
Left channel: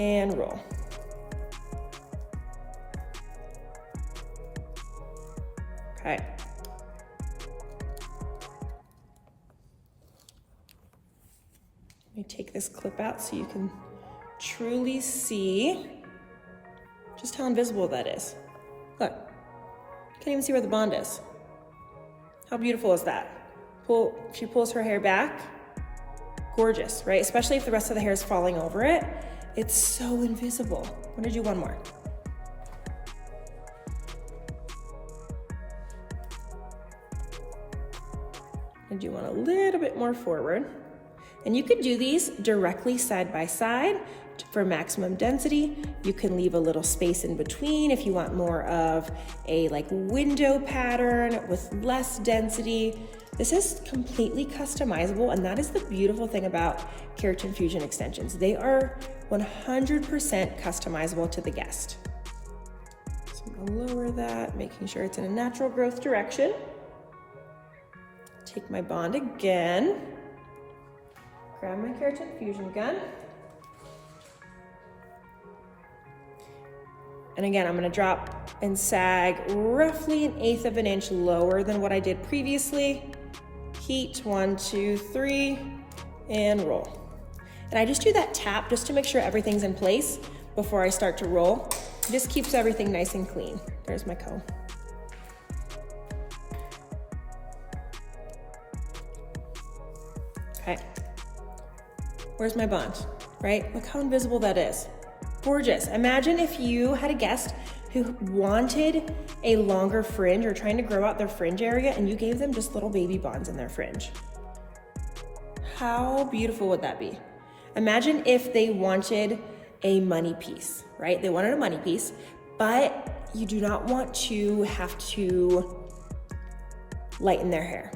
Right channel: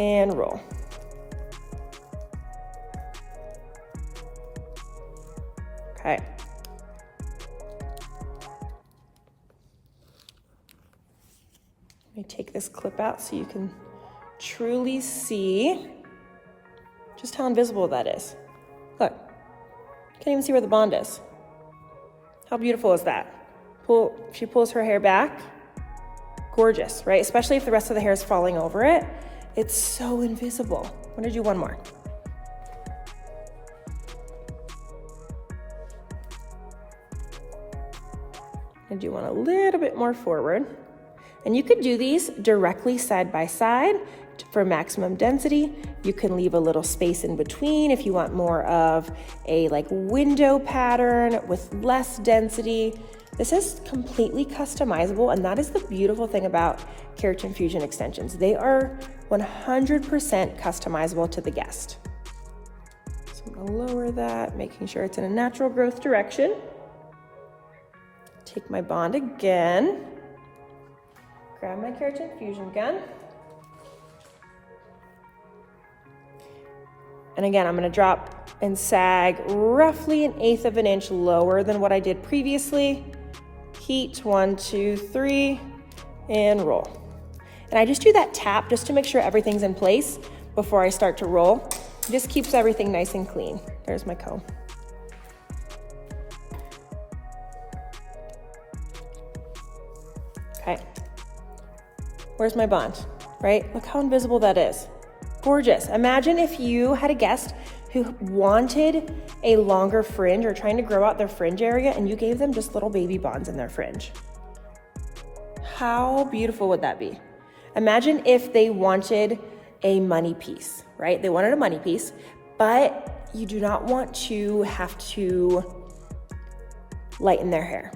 and roll. Okay. Let me take this clip out so you can truly see just how invisible that is. Look, can't even see where the bond is. How beautiful is that? She pulls her hair back, gorgeous, right? Especially if the rest of the hair is falling over it. It's so invisible. I'm gonna do one more. I'm gonna do one a little bit more forward. And you could do these directly side by side. for maximum density. You can leave a little space in between if you want more of a like window pattern with less density. This is completely customizable, and that is the beautiful thing about Keratin Fusion extensions. They are 100% customizable to the guest. So I'm gonna lower that, making sure it's in a natural growth direction. Take my bond again, grab my Keratin Fusion gun. And again, I'm gonna drop and sag roughly 1/8 of an inch lower than what I did previously. Heat, 1, 2, 3, and roll. And I just do that tap just to make sure everything's in place before I start to roll. It just keeps everything nice and clean. There's my comb. Okay, where's my bond, right? Look how invisible that is. Gorgeous. Imagine if you had a guest who wanted a longer fringe or trying to grow out their fringe area and you gave them just little baby bonds in their fringe. How beautiful would that be? Imagine if they wanted a money piece, right? They wanted a money piece, but you do not want to have to lighten their hair.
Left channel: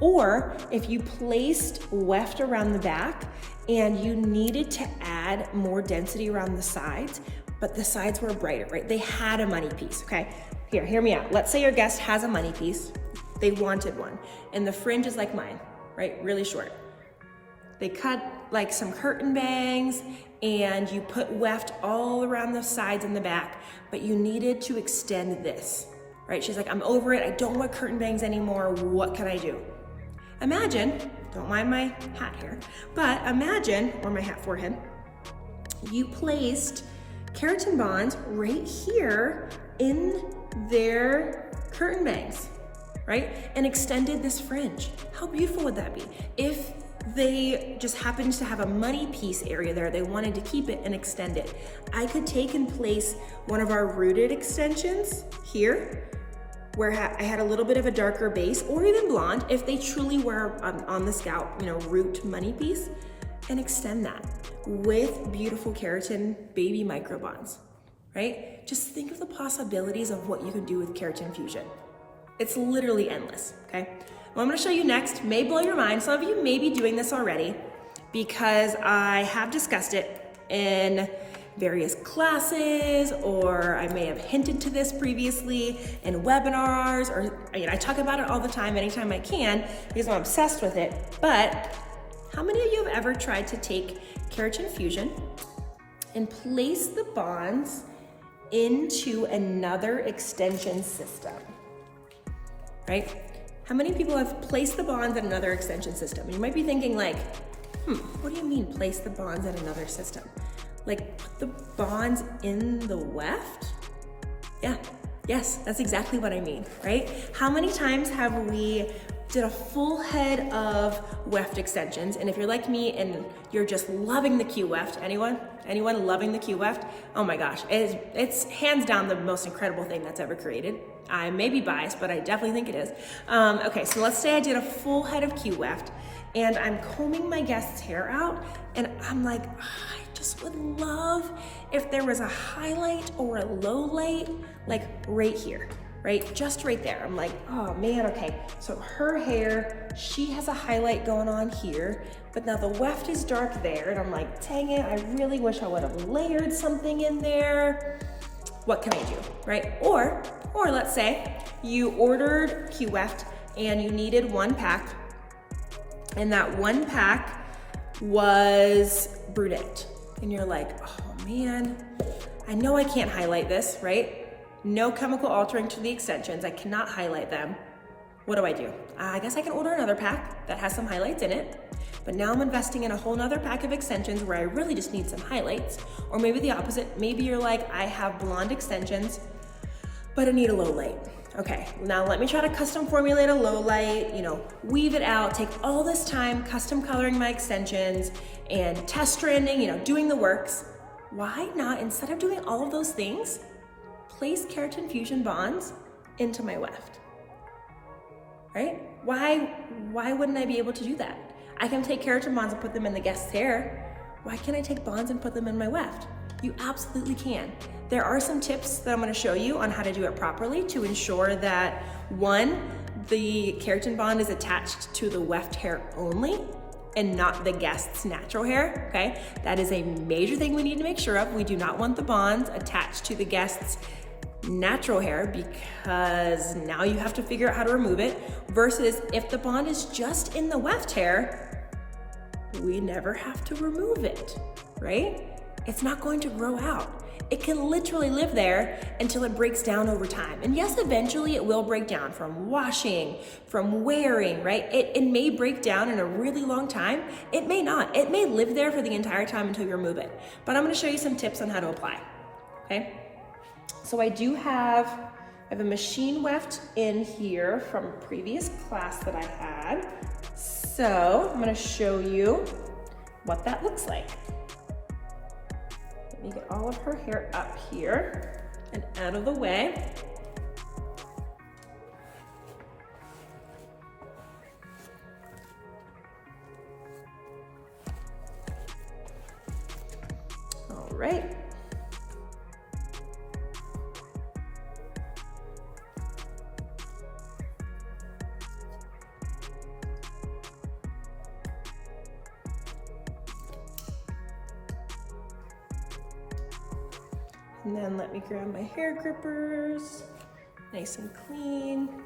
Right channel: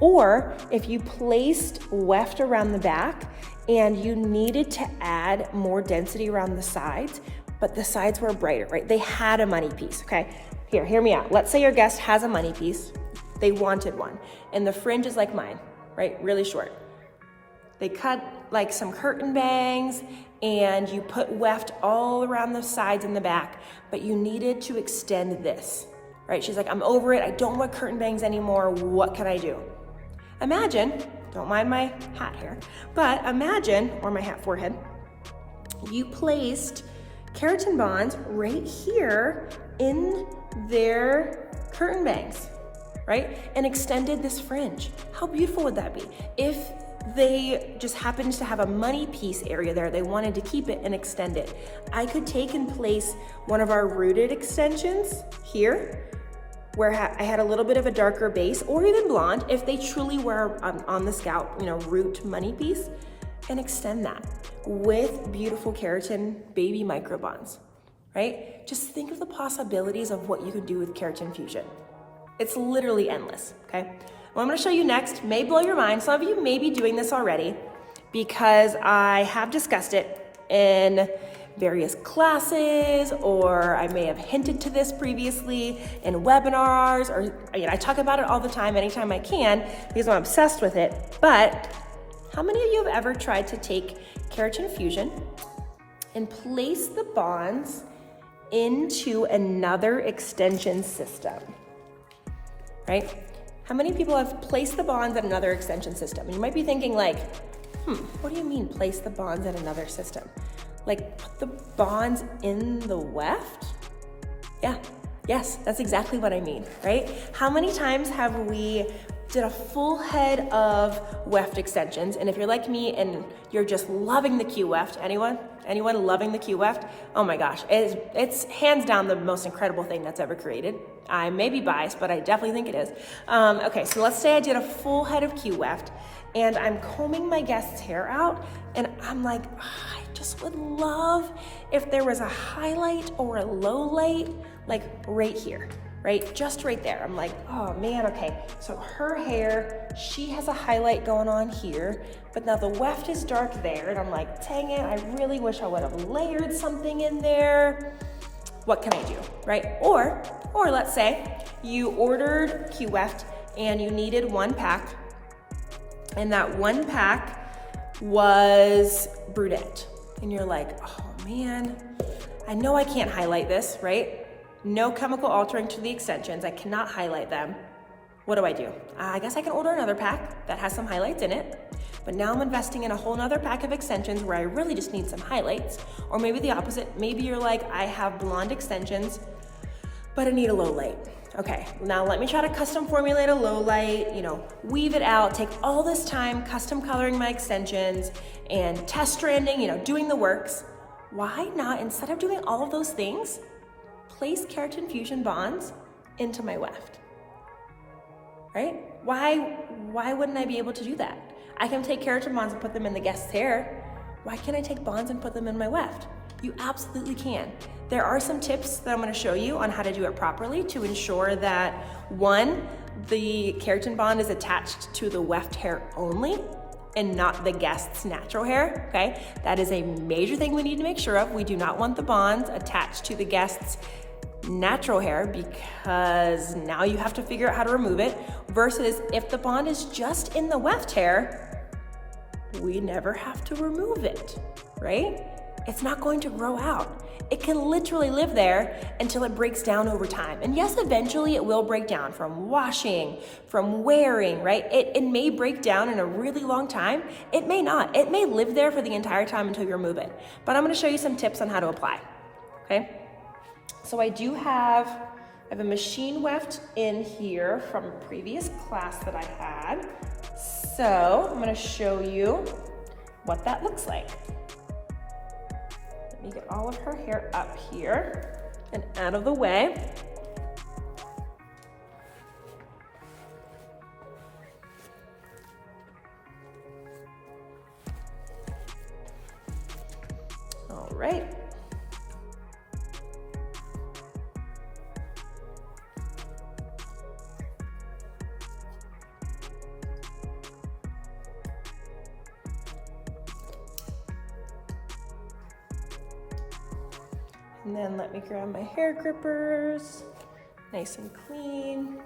Or if you placed weft around the back and you needed to add more density around the sides, but the sides were brighter, right? They had a money piece, okay? Here, hear me out. Let's say your guest has a money piece. They wanted one, and the fringe is like mine, right? Really short. They cut like some curtain bangs, and you put weft all around the sides and the back, but you needed to extend this, right? She's like, I'm over it. I don't want curtain bangs anymore. What can I do? Imagine, don't mind my hat here, but imagine, or my hat forehead, you placed keratin bonds right here in their curtain bangs, right? And extended this fringe. How beautiful would that be? If they just happened to have a money piece area there, they wanted to keep it and extend it. I could take and place one of our rooted extensions here, where I had a little bit of a darker base, or even blonde, if they truly were on the scalp, you know, root money piece, and extend that with beautiful keratin baby micro bonds, right? Just think of the possibilities of what you can do with Keratin Fusion. It's literally endless, okay? What I'm gonna show you next may blow your mind. Some of you may be doing this already because I have discussed it in various classes, or I may have hinted to this previously in webinars, or I talk about it all the time, anytime I can, because I'm obsessed with it. But how many of you have ever tried to take Keratin Fusion and place the bonds into another extension system, right? How many people have placed the bonds in another extension system? And you might be thinking like, what do you mean place the bonds in another system? Like put the bonds in the weft? Yeah, yes, that's exactly what I mean, right? How many times have we did a full head of weft extensions? And if you're like me and you're just loving the Q weft, anyone loving the Q weft? Oh my gosh, it's hands down the most incredible thing that's ever created. I may be biased, but I definitely think it is. Okay, so let's say I did a full head of Q weft and I'm combing my guest's hair out and I'm like, I just would love if there was a highlight or a low light, like right here, right? Just right there. I'm like, oh man, okay. So her hair, she has a highlight going on here, but now the weft is dark there. And I'm like, dang it, I really wish I would have layered something in there. What can I do, right? Or let's say you ordered Q weft and you needed one pack, and that one pack was brunette. And you're like, oh man, I know I can't highlight this, right? No chemical altering to the extensions. I cannot highlight them. What do? I guess I can order another pack that has some highlights in it, but now I'm investing in a whole nother pack of extensions where I really just need some highlights. Or maybe the opposite. Maybe you're like, I have blonde extensions, but I need a low light. Okay, now let me try to custom formulate a low light, weave it out, take all this time custom coloring my extensions and test stranding, doing the works. Why not, instead of doing all of those things, place Keratin Fusion bonds into my weft, right? Why wouldn't I be able to do that? I can take keratin bonds and put them in the guest's hair. why can't I take bonds and put them in my weft? You absolutely can. There are some tips that I'm gonna show you on how to do it properly to ensure that, one, the keratin bond is attached to the weft hair only and not the guest's natural hair, okay? That is a major thing we need to make sure of. We do not want the bonds attached to the guest's natural hair because now you have to figure out how to remove it, versus if the bond is just in the weft hair, we never have to remove it, right? It's not going to grow out. It can literally live there until it breaks down over time. And yes, eventually it will break down from washing, from wearing, right? It may break down in a really long time. It may not. It may live there for the entire time until you remove it. But I'm gonna show you some tips on how to apply, okay? So I have a machine weft in here from a previous class that I had. So I'm gonna show you what that looks like. Let me get all of her hair up here and out of the way. All right. And then let me grab my hair grippers, nice and clean.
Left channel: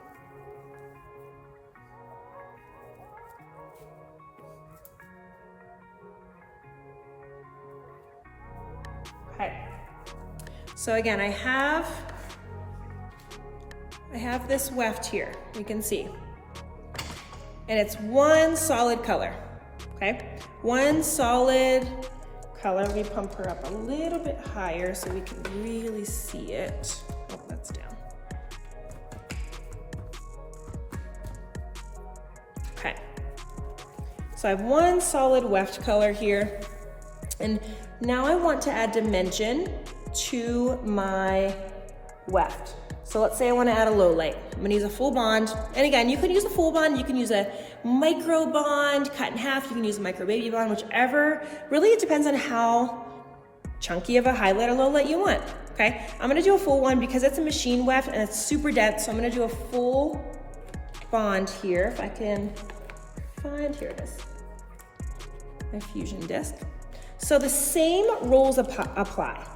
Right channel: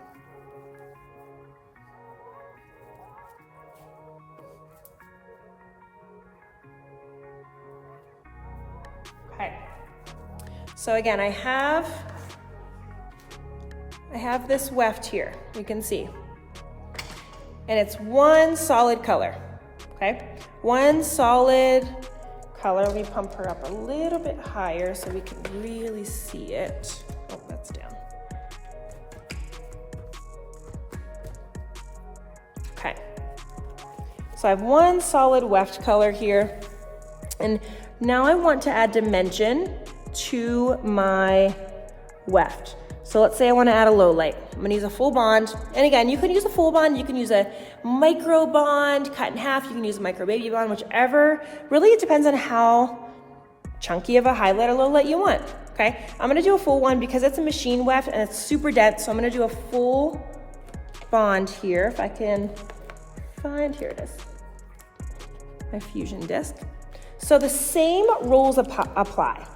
Okay, so again, I have this weft here, you can see. And it's one solid color, okay? One solid color. Let me pump her up a little bit higher so we can really see it. Oh, that's down. Okay. So I have one solid weft color here. And now I want to add dimension to my weft. So let's say I want to add a low light. I'm gonna use a full bond. And again, you can use a full bond, you can use a micro bond, cut in half, you can use a micro baby bond, whichever. Really, it depends on how chunky of a highlight or low light you want, okay? I'm gonna do a full one because it's a machine weft and it's super dense, so I'm gonna do a full bond here. If I can find, here it is, my fusion disc. So the same rules apply,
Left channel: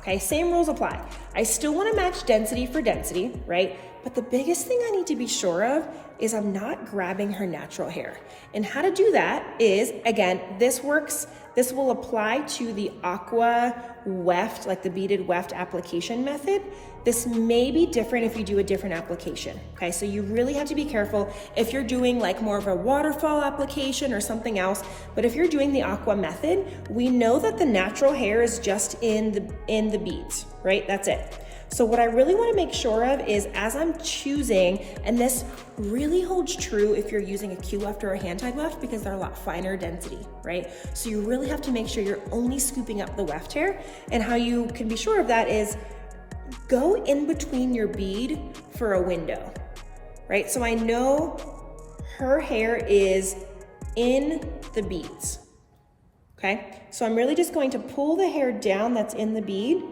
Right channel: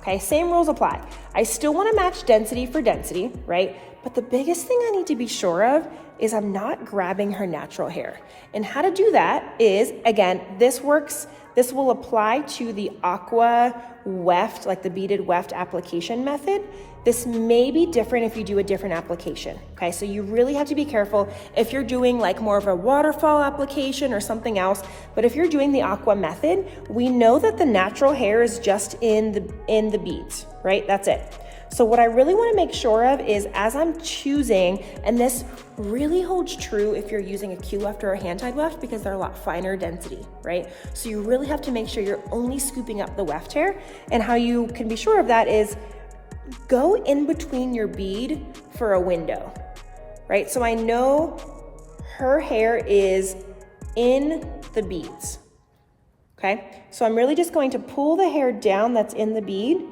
okay? Same rules apply. I still wanna match density for density, right? But the biggest thing I need to be sure of is I'm not grabbing her natural hair. And how to do that is, again, this will apply to the Aqua weft, like the beaded weft application method. This may be different if you do a different application, okay? So you really have to be careful if you're doing like more of a waterfall application or something else, but if you're doing the Aqua method, we know that the natural hair is just in the beads, right? That's it. So what I really wanna make sure of is as I'm choosing, and this really holds true if you're using a Q weft or a hand-tied weft because they're a lot finer density, right? So you really have to make sure you're only scooping up the weft hair, and how you can be sure of that is go in between your bead for a window, right? So I know her hair is in the beads, okay? So I'm really just going to pull the hair down that's in the bead,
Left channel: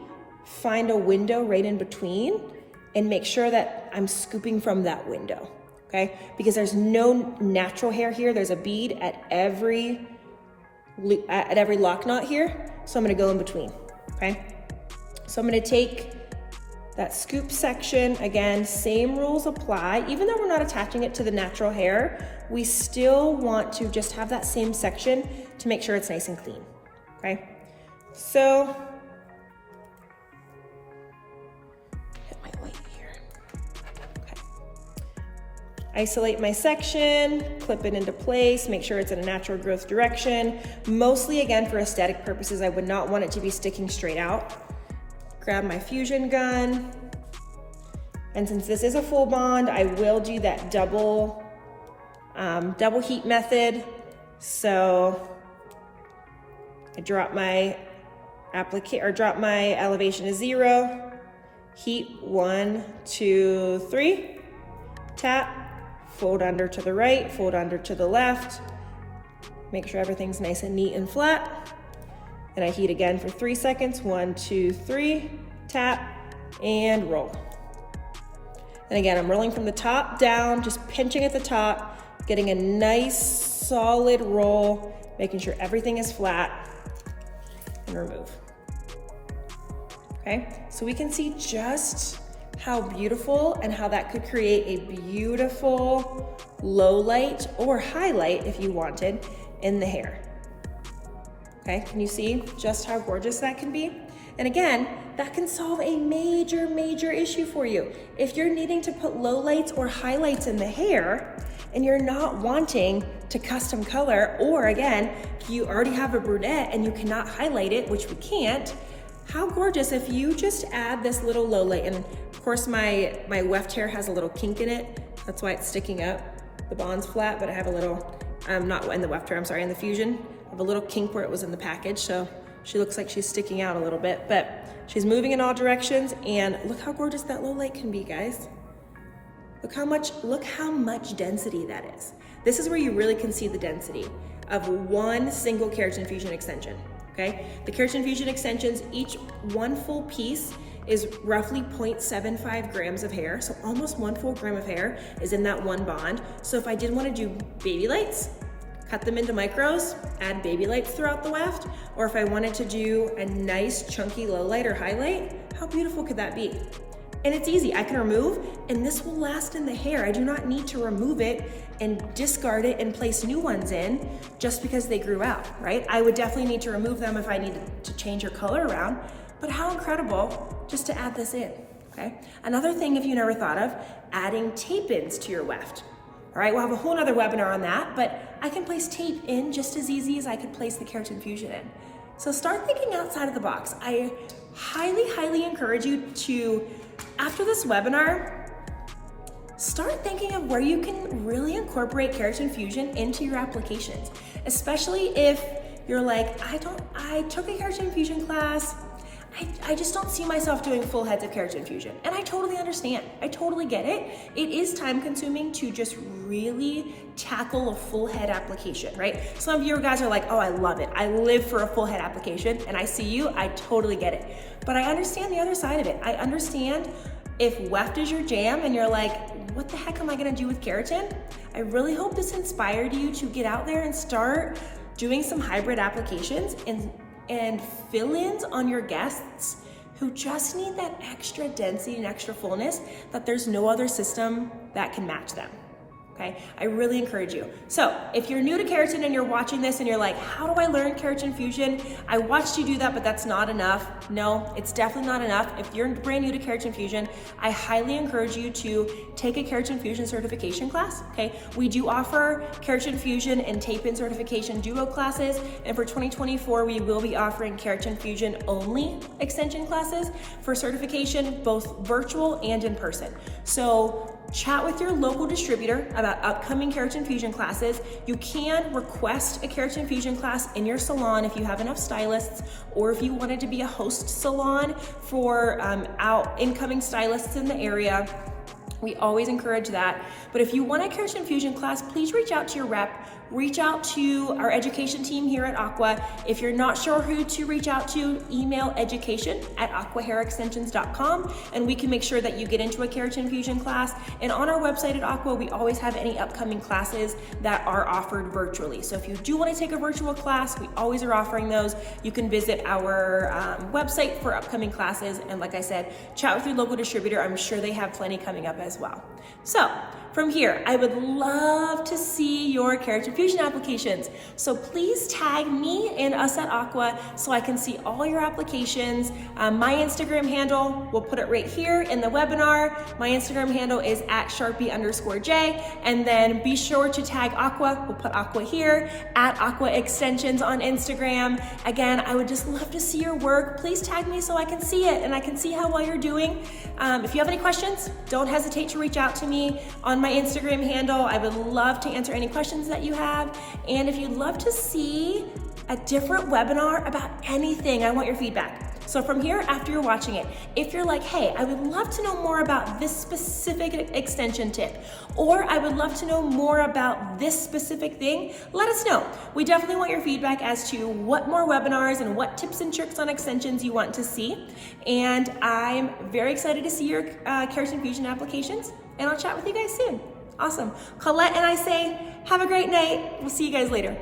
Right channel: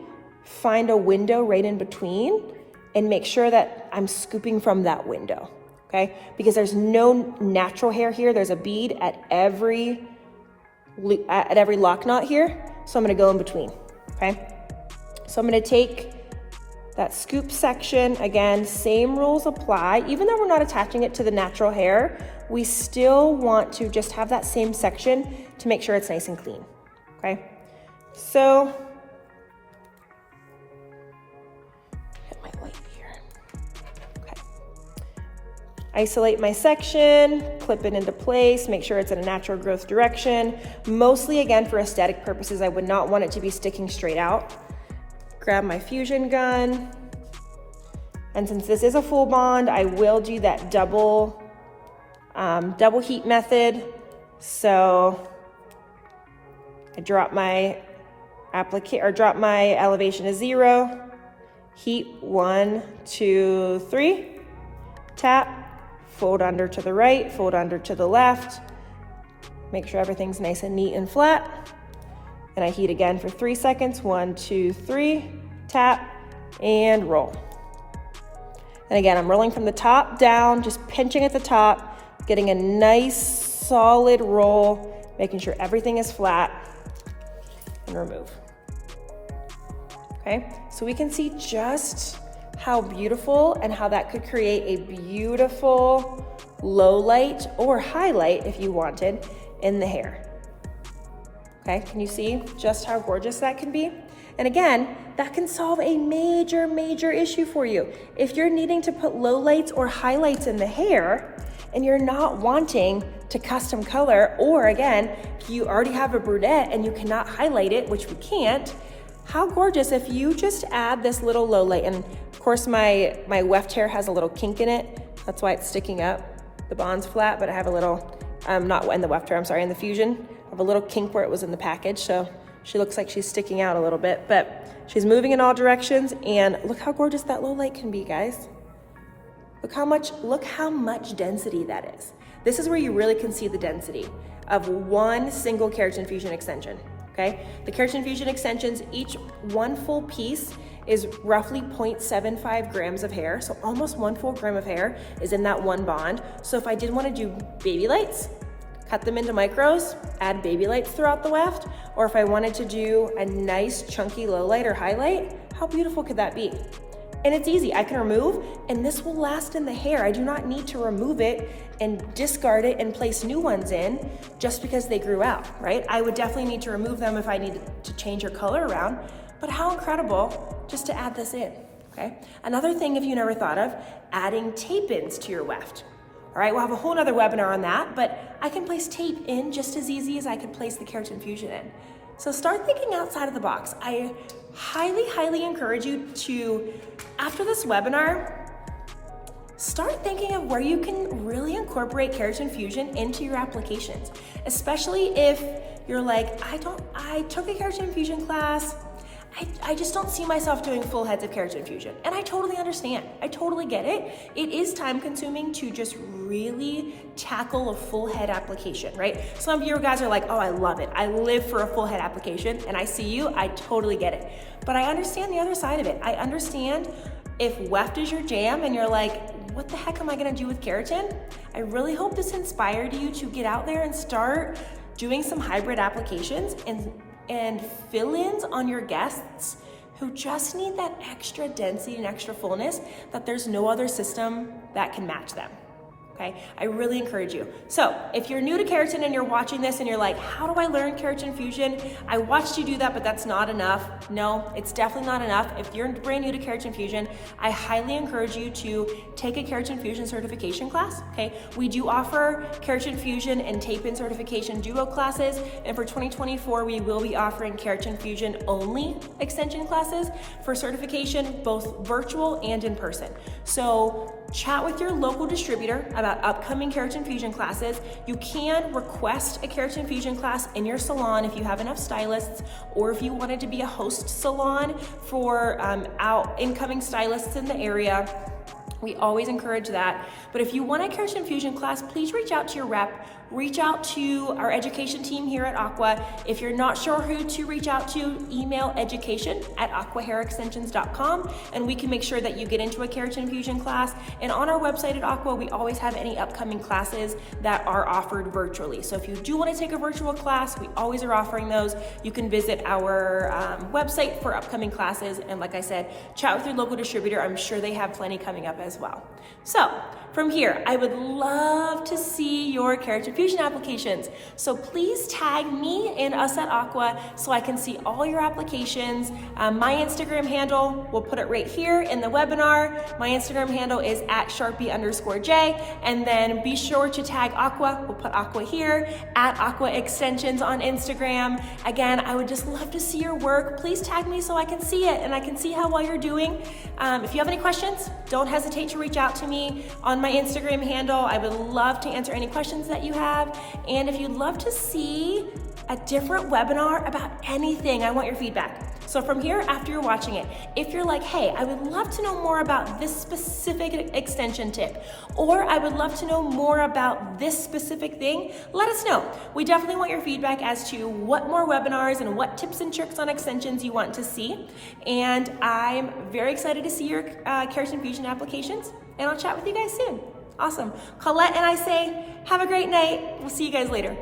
find a window right in between, and make sure that I'm scooping from that window, okay? Because there's no natural hair here. There's a bead at every lock knot here, so I'm gonna go in between, okay? So I'm gonna take that scoop section, again, same rules apply. Even though we're not attaching it to the natural hair, we still want to just have that same section to make sure it's nice and clean, okay? So, isolate my section, clip it into place, make sure it's in a natural growth direction. Mostly, again, for aesthetic purposes, I would not want it to be sticking straight out. Grab my fusion gun. And since this is a full bond, I will do that double heat method. So I drop my elevation to 0, heat 1, 2, 3, tap, fold under to the right, fold under to the left, make sure everything's nice and neat and flat, And I heat again for 3 seconds. 1, 2, 3, tap, and roll. And again, I'm rolling from the top down, just pinching at the top, getting a nice solid roll, making sure everything is flat, and remove. Okay, so we can see just how beautiful and how that could create a beautiful low light or highlight if you wanted in the hair. Okay, can you see just how gorgeous that can be? And again, that can solve a major, major issue for you. If you're needing to put low lights or highlights in the hair and you're not wanting to custom color, or again, if you already have a brunette and you cannot highlight it, which we can't, how gorgeous if you just add this little low light. And of course my weft hair has a little kink in it. That's why it's sticking up. The bond's flat, but I have a little, not in the weft hair, I'm sorry, in the fusion. I have a little kink where it was in the package. So she looks like she's sticking out a little bit, but she's moving in all directions, and look how gorgeous that low light can be, guys. Look how much density that is. This is where you really can see the density of one single keratin fusion extension, okay? The keratin fusion extensions, each one full piece is roughly 0.75 grams of hair, so almost 1 full gram of hair is in that one bond. So if I did want to do baby lights, cut them into micros, add baby lights throughout the weft, or if I wanted to do a nice chunky low light or highlight, how beautiful could that be? And it's easy, I can remove, and this will last in the hair. I do not need to remove it and discard it and place new ones in just because they grew out, right? I would definitely need to remove them if I needed to change your color around, but how incredible just to add this in, okay? Another thing, if you never thought of, adding tape-ins to your weft. All right, we'll have a whole nother webinar on that, but I can place tape in just as easy as I could place the keratin fusion in. So start thinking outside of the box. I highly, highly encourage you to, after this webinar, start thinking of where you can really incorporate keratin fusion into your applications, especially if you're like, I took a keratin fusion class, I just don't see myself doing full heads of keratin fusion. And I totally understand. I totally get it. It is time consuming to just really tackle a full head application, right? Some of you guys are like, oh, I love it. I live for a full head application, and I see you, I totally get it. But I understand the other side of it. I understand if weft is your jam and you're like, what the heck am I gonna do with keratin? I really hope this inspired you to get out there and start doing some hybrid applications and fill-ins on your guests who just need that extra density and extra fullness that there's no other system that can match them. Okay, I really encourage you. So if you're new to keratin and you're watching this and you're like, how do I learn keratin fusion? I watched you do that, but that's not enough. No, it's definitely not enough. If you're brand new to keratin fusion, I highly encourage you to take a keratin fusion certification class, okay? We do offer keratin fusion and tape-in certification duo classes, and for 2024, we will be offering keratin fusion only extension classes for certification, both virtual and in person. So chat with your local distributor about upcoming keratin fusion classes. You can request a keratin fusion class in your salon if you have enough stylists, or if you wanted to be a host salon for incoming stylists in the area. We always encourage that. But if you want a keratin fusion class, please reach out to your rep. Reach out to our education team here at Aqua. If you're not sure who to reach out to, email education@aquahairextensions.com, and we can make sure that you get into a keratin fusion class. And on our website at Aqua, we always have any upcoming classes that are offered virtually. So if you do want to take a virtual class, we always are offering those. You can visit our website for upcoming classes. And like I said, chat with your local distributor. I'm sure they have plenty coming up as well. So from here, I would love to see your keratin fusion applications. So please tag me and us at Aqua so I can see all your applications. My Instagram handle, we'll put it right here in the webinar. My Instagram handle is @Sharpie_J. And then be sure to tag Aqua. We'll put Aqua here, @Aqua Extensions on Instagram. Again, I would just love to see your work. Please tag me so I can see it and I can see how well you're doing. If you have any questions, don't hesitate to reach out to me on my Instagram handle. I would love to answer any questions that you have. And if you'd love to see a different webinar about anything, I want your feedback. So from here, after you're watching it, if you're like, hey, I would love to know more about this specific extension tip, or I would love to know more about this specific thing, let us know. We definitely want your feedback as to what more webinars and what tips and tricks on extensions you want to see. And I'm very excited to see your Keratin Fusion applications, and I'll chat with you guys soon. Awesome. Colette and I say, have a great night. We'll see you guys later.